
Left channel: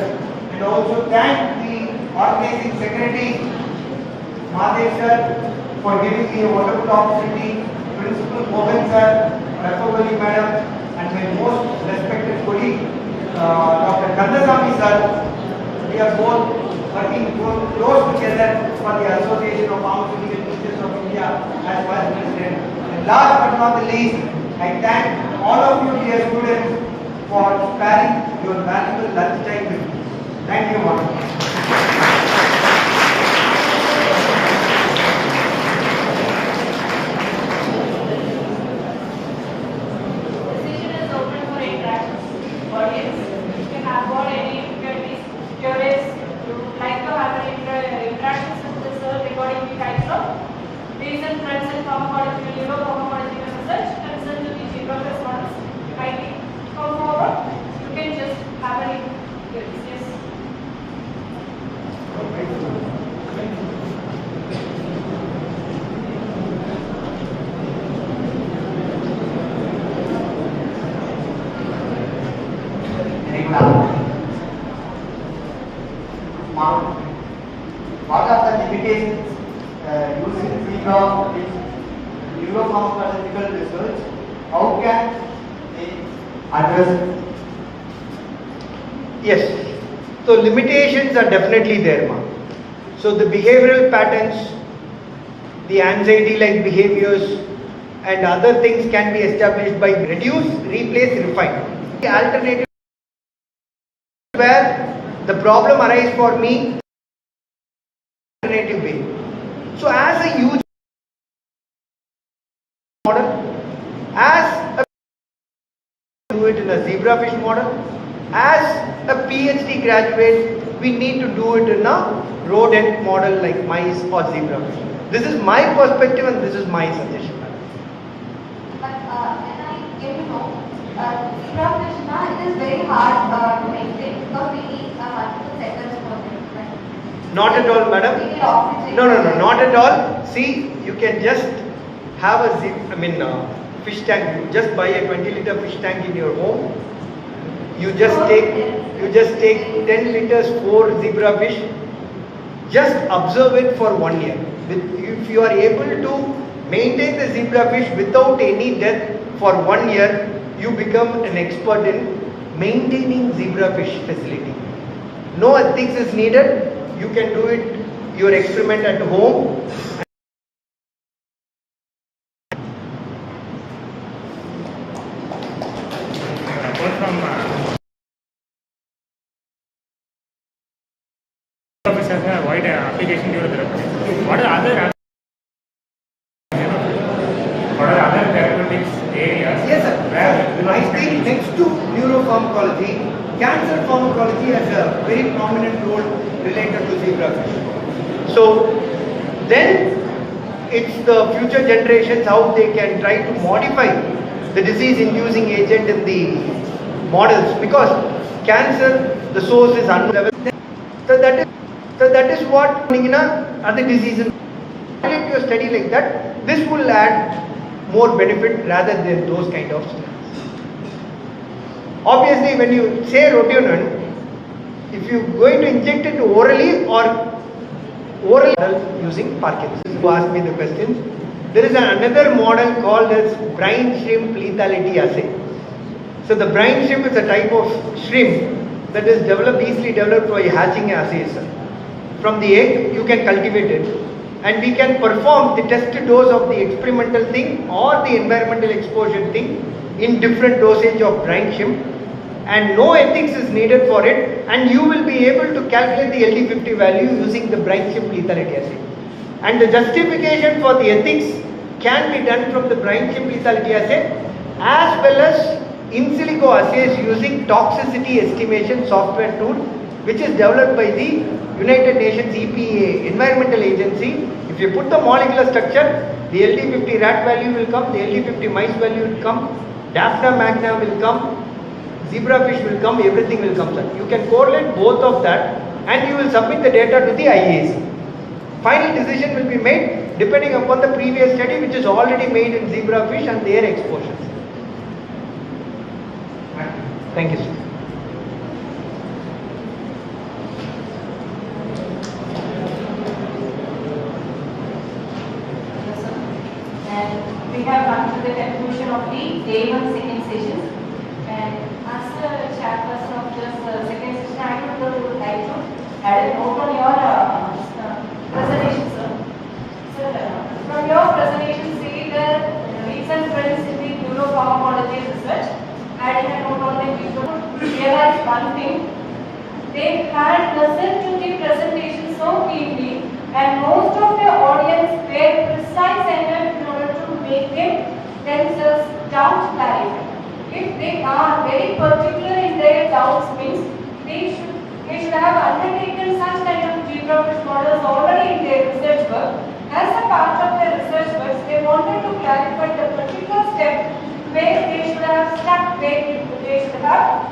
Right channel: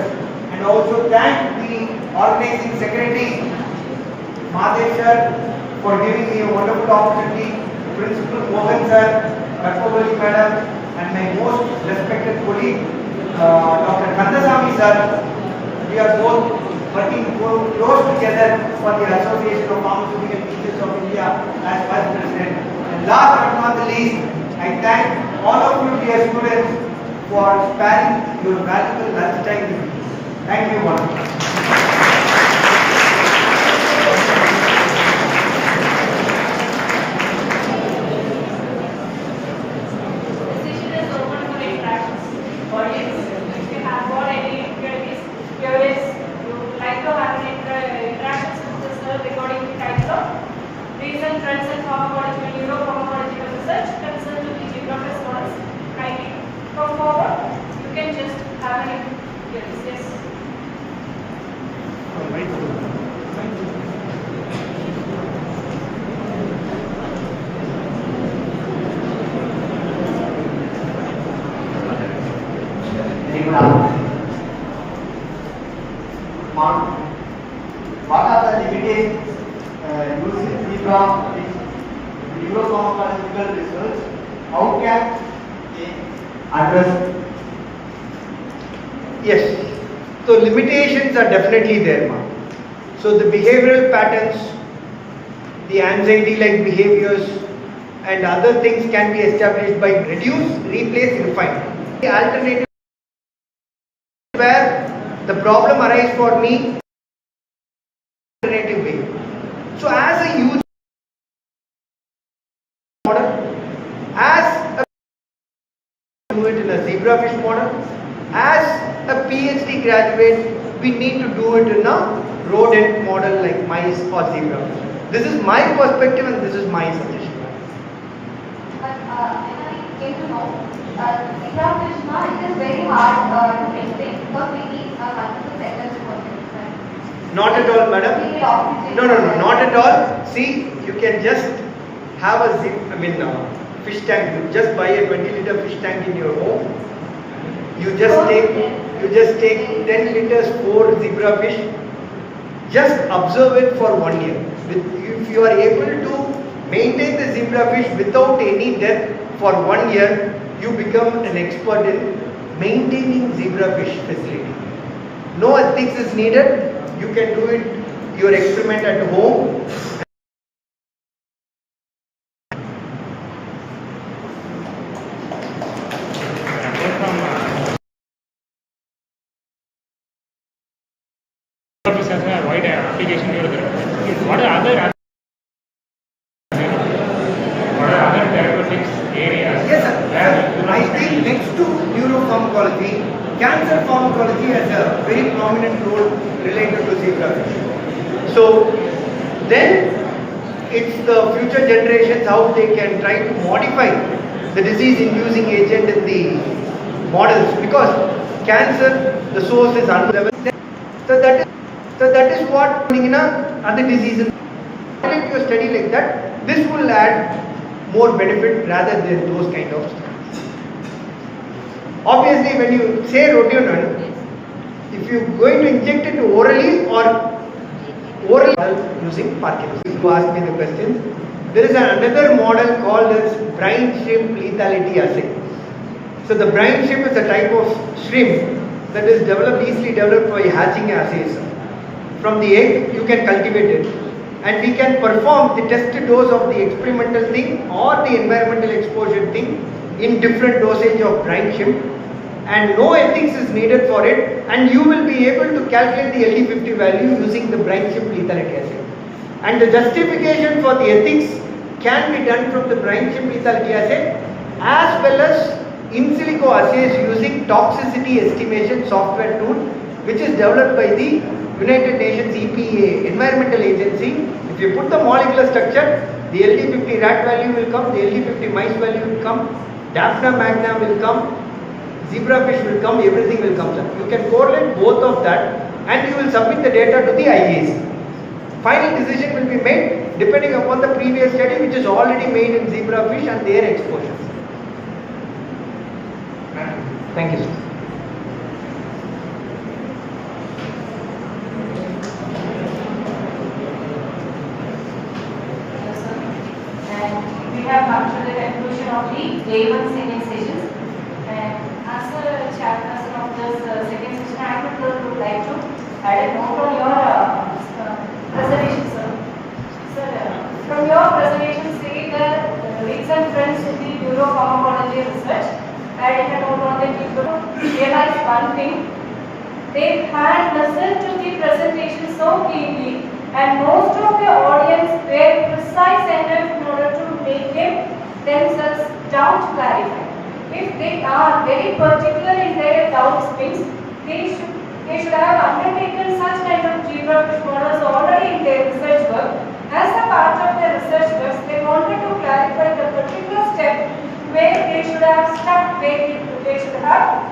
And also thank the organizing secretary, Mahadev sir, for giving me a wonderful opportunity, Principal Mohan sir, Karpagam madam, and my most respected colleague, Dr. Kandasamy sir. We are both working close together for the Association of Pharmaceutical Teachers of India as Vice President. And last but not the least, I thank all of you dear students for sparing your valuable lunch time with me. Thank you very much. Recent trends in pharmacology, neuropharmacology research concerned with the professors kindly come forward. You can just have any queries. Yes. What are the limitations using Zebra in neuropharmacological research? How can they address it? Yes. So limitations are definitely there, ma. So the behavioral patterns, the anxiety-like behaviors, and other things can be established by reduce, replace, refine. The alternative where the problem arises for me alternative way. So as a user model, as a do it in a zebrafish model, as a PhD graduate, we need to do it in a rodent model like mice or zebrafish. This is my perspective and this is my suggestion. But when I came to know, zebrafish, it is very hard to maintain because we need multiple cycles to complete, right? Not at all, madam. We need oxygen. No, not at all. See, you can just have a fish tank. You just buy a 20-liter fish tank in your home. You just take 10 liters for zebrafish. Just observe it for 1 year. If you are able to maintain the zebrafish without any death for 1 year, you become an expert in maintaining zebrafish facility. No ethics is needed. You can do it, your experiment at home. Has a wide application here. What are other therapeutics areas? Yes, sir. I think next to neuropharmacology, cancer pharmacology has a very prominent role related to zebrafish. So then it's the future generations how they can try to modify the disease-inducing agent in the models, because cancer, the source is unknown. So that is what in other diseases. If you study like that, this will add more benefit rather than those kind of studies. Obviously, when you say rotenone, if you are going to inject it orally or using Parkinson's. You ask me the question. There is another model called as brine shrimp lethality assay. So the brine shrimp is a type of shrimp that is easily developed by hatching assays. From the egg, you can cultivate it, and we can perform the test dose of the experimental thing or the environmental exposure thing in different dosage of brine shrimp, and no ethics is needed for it, and you will be able to calculate the LD50 value using the brine shrimp lethality assay. And the justification for the ethics can be done from the brine shrimp lethality assay as well as in silico assays using toxicity estimation software tool, which is developed by the United Nations EPA Environmental Agency. If you put the molecular structure, the LD50 rat value will come, the LD50 mice value will come, Daphna magna will come, zebrafish will come, everything will come. You can correlate both of that and you will submit the data to the IAC. Final decision will be made depending upon the previous study which is already made in zebrafish and their exposures. Thank you, sir. And we have come to the conclusion of the day 1 senior sessions. And as a chairperson of this second session, I would like to add a note on your presentation, sir. So, from your presentation, see the recent trends in the neuropharmacology research. Adding a note on the people realize one thing. They had listened to the presentation so keenly, and most of the audience were precise enough in order to make themselves doubt clarified. If they are very particular in their doubts, means they should have undertaken such kind of zebrafish models already in their research work. As a part of their research work, they wanted to clarify the particular step where they should have stuck, where they should have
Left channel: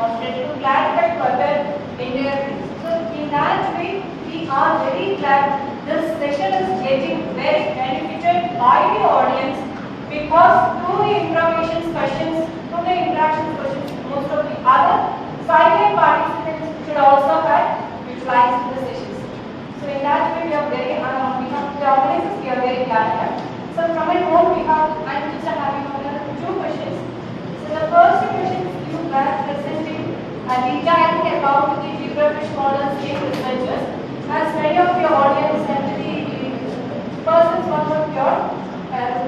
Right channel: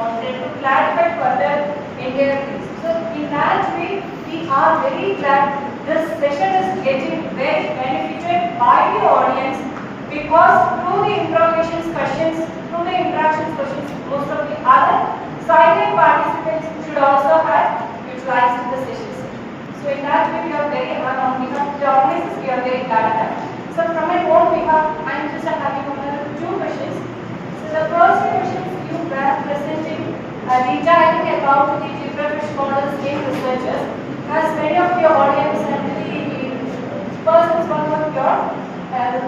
wanted to clarify further in their things. So in that way, we are very glad this session is getting very benefited by the audience, because through the interactions questions, most of the other silent participants should also have utilized the sessions. So in that way, we are very on behalf of the organizers, we are very glad. So from my own behalf, I am just having two questions. So the first question you were presenting retiring about the zebrafish models in researchers. As many of your audience and the persons one of your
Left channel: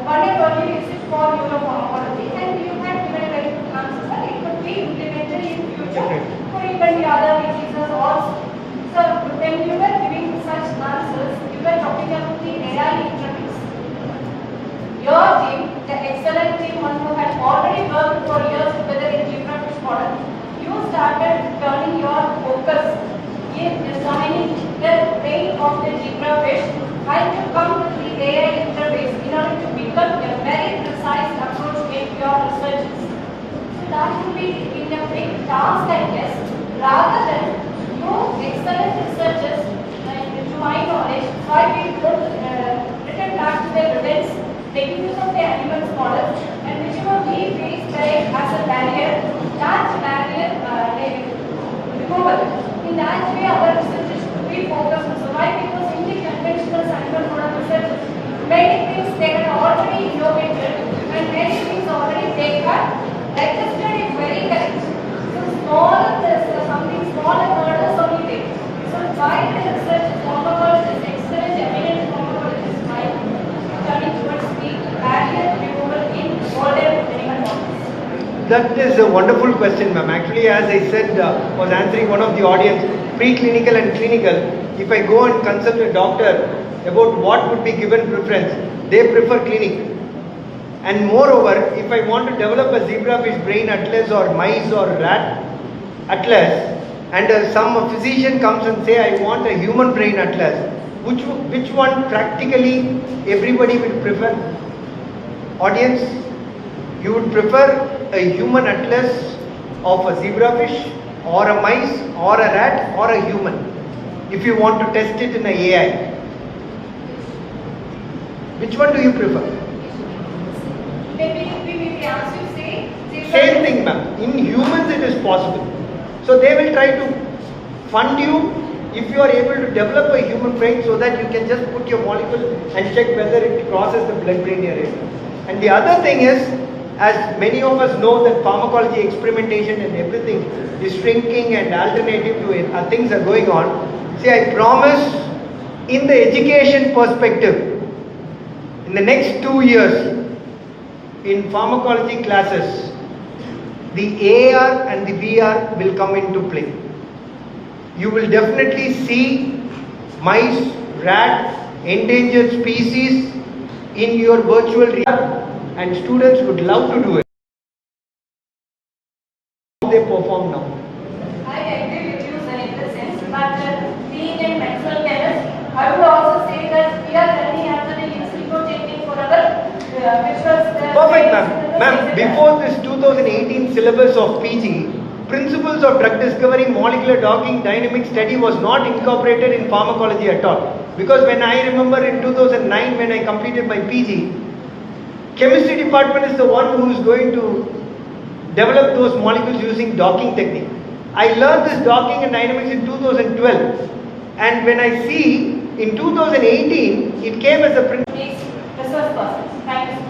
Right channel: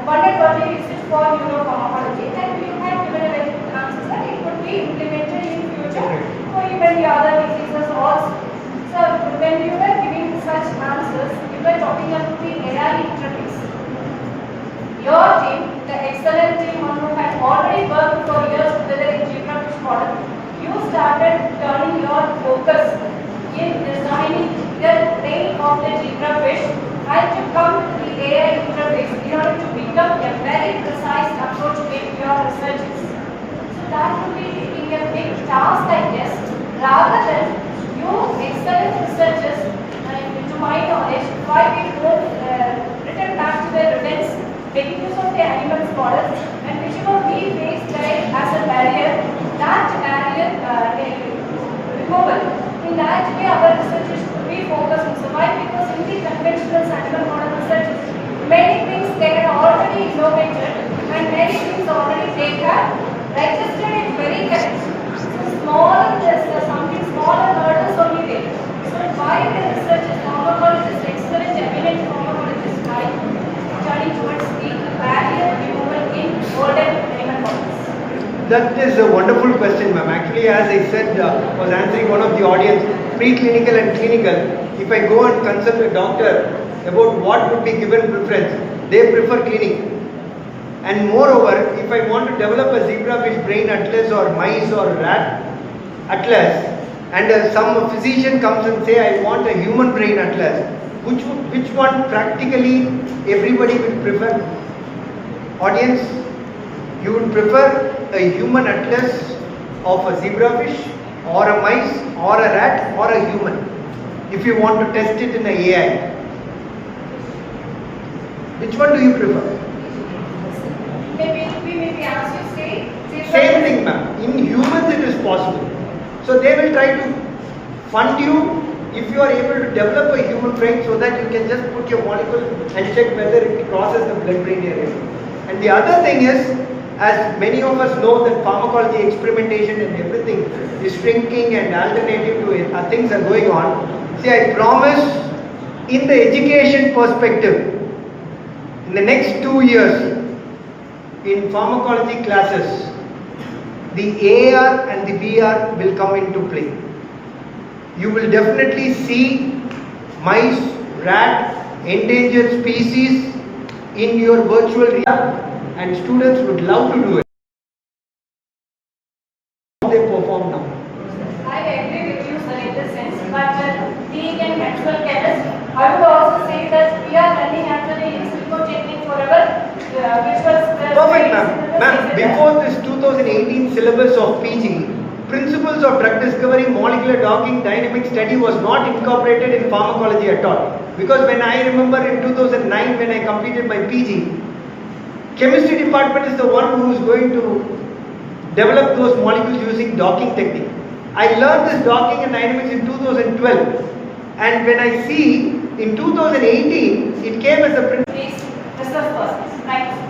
wonderfully research for neuropharmacology, and you have given a very good answer that it could be implemented in future for even the other diseases also. So when you were giving such answers, you were talking about the AI interface. Your team, the excellent team, one who had already worked for years together in zebrafish model, you started turning your focus in designing the brain of the zebrafish and to come to the AI interface in order to become a very precise approach in your researches. So that would be taking a big task, I guess, rather than you excellent researchers, to my knowledge, 5 people return back to their rodents, making use of the animals models, and whichever we face there as a barrier, that barrier removal. In that way, our researchers should be focused on survival, because in the conventional animal model research, many things they can already innovated, and many things already they have registered it very correct. So small, something small and hurdles only there. So why the research pharmacologists, excellent eminent pharmacologists, why turning towards the barrier removal in older animal models? That is a wonderful question, ma'am. Actually, as I said, was answering one of the audience, preclinical and clinical. If I go and consult a doctor about what would be given preference, they prefer clinic. And moreover, if I want to develop a zebrafish brain atlas or mice or rat, atlas, and some physician comes and say, I want a human brain atlas, which one practically everybody will prefer? Audience, you would prefer a human atlas of a zebrafish or a mice or a rat or a human if you want to test it in an AI. Which one do you prefer? Maybe ask you say. Same thing, ma'am. In humans it is possible. So they will try to fund you if you are able to develop a human brain so that you can just put your molecule and check whether it crosses the blood-brain barrier. And the other thing is, as many of us know that pharmacology experimentation and everything is shrinking and alternative to it, things are going on. See, I promise in the education perspective, in the next 2 years, in pharmacology classes, the AR and the VR will come into play. You will definitely see mice, rat, endangered species in your virtual reality, and students would love to do it. How they perform now. I agree with you, sir, in the sense, but being a medical chemist, I would also say that we are running after the in silico technique forever, which was the Perfect, ma'am. Ma'am, before this 2018 syllabus of PG, principles of drug discovery, molecular docking, dynamic study was not incorporated in pharmacology at all. Because when I remember in 2009 when I completed my PG, chemistry department is the one who is going to develop those molecules using docking technique. I learned this docking and dynamics in 2012, and when I see in 2018 it came as a principle. Research process. Thank you.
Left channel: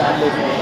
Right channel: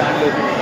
video handling.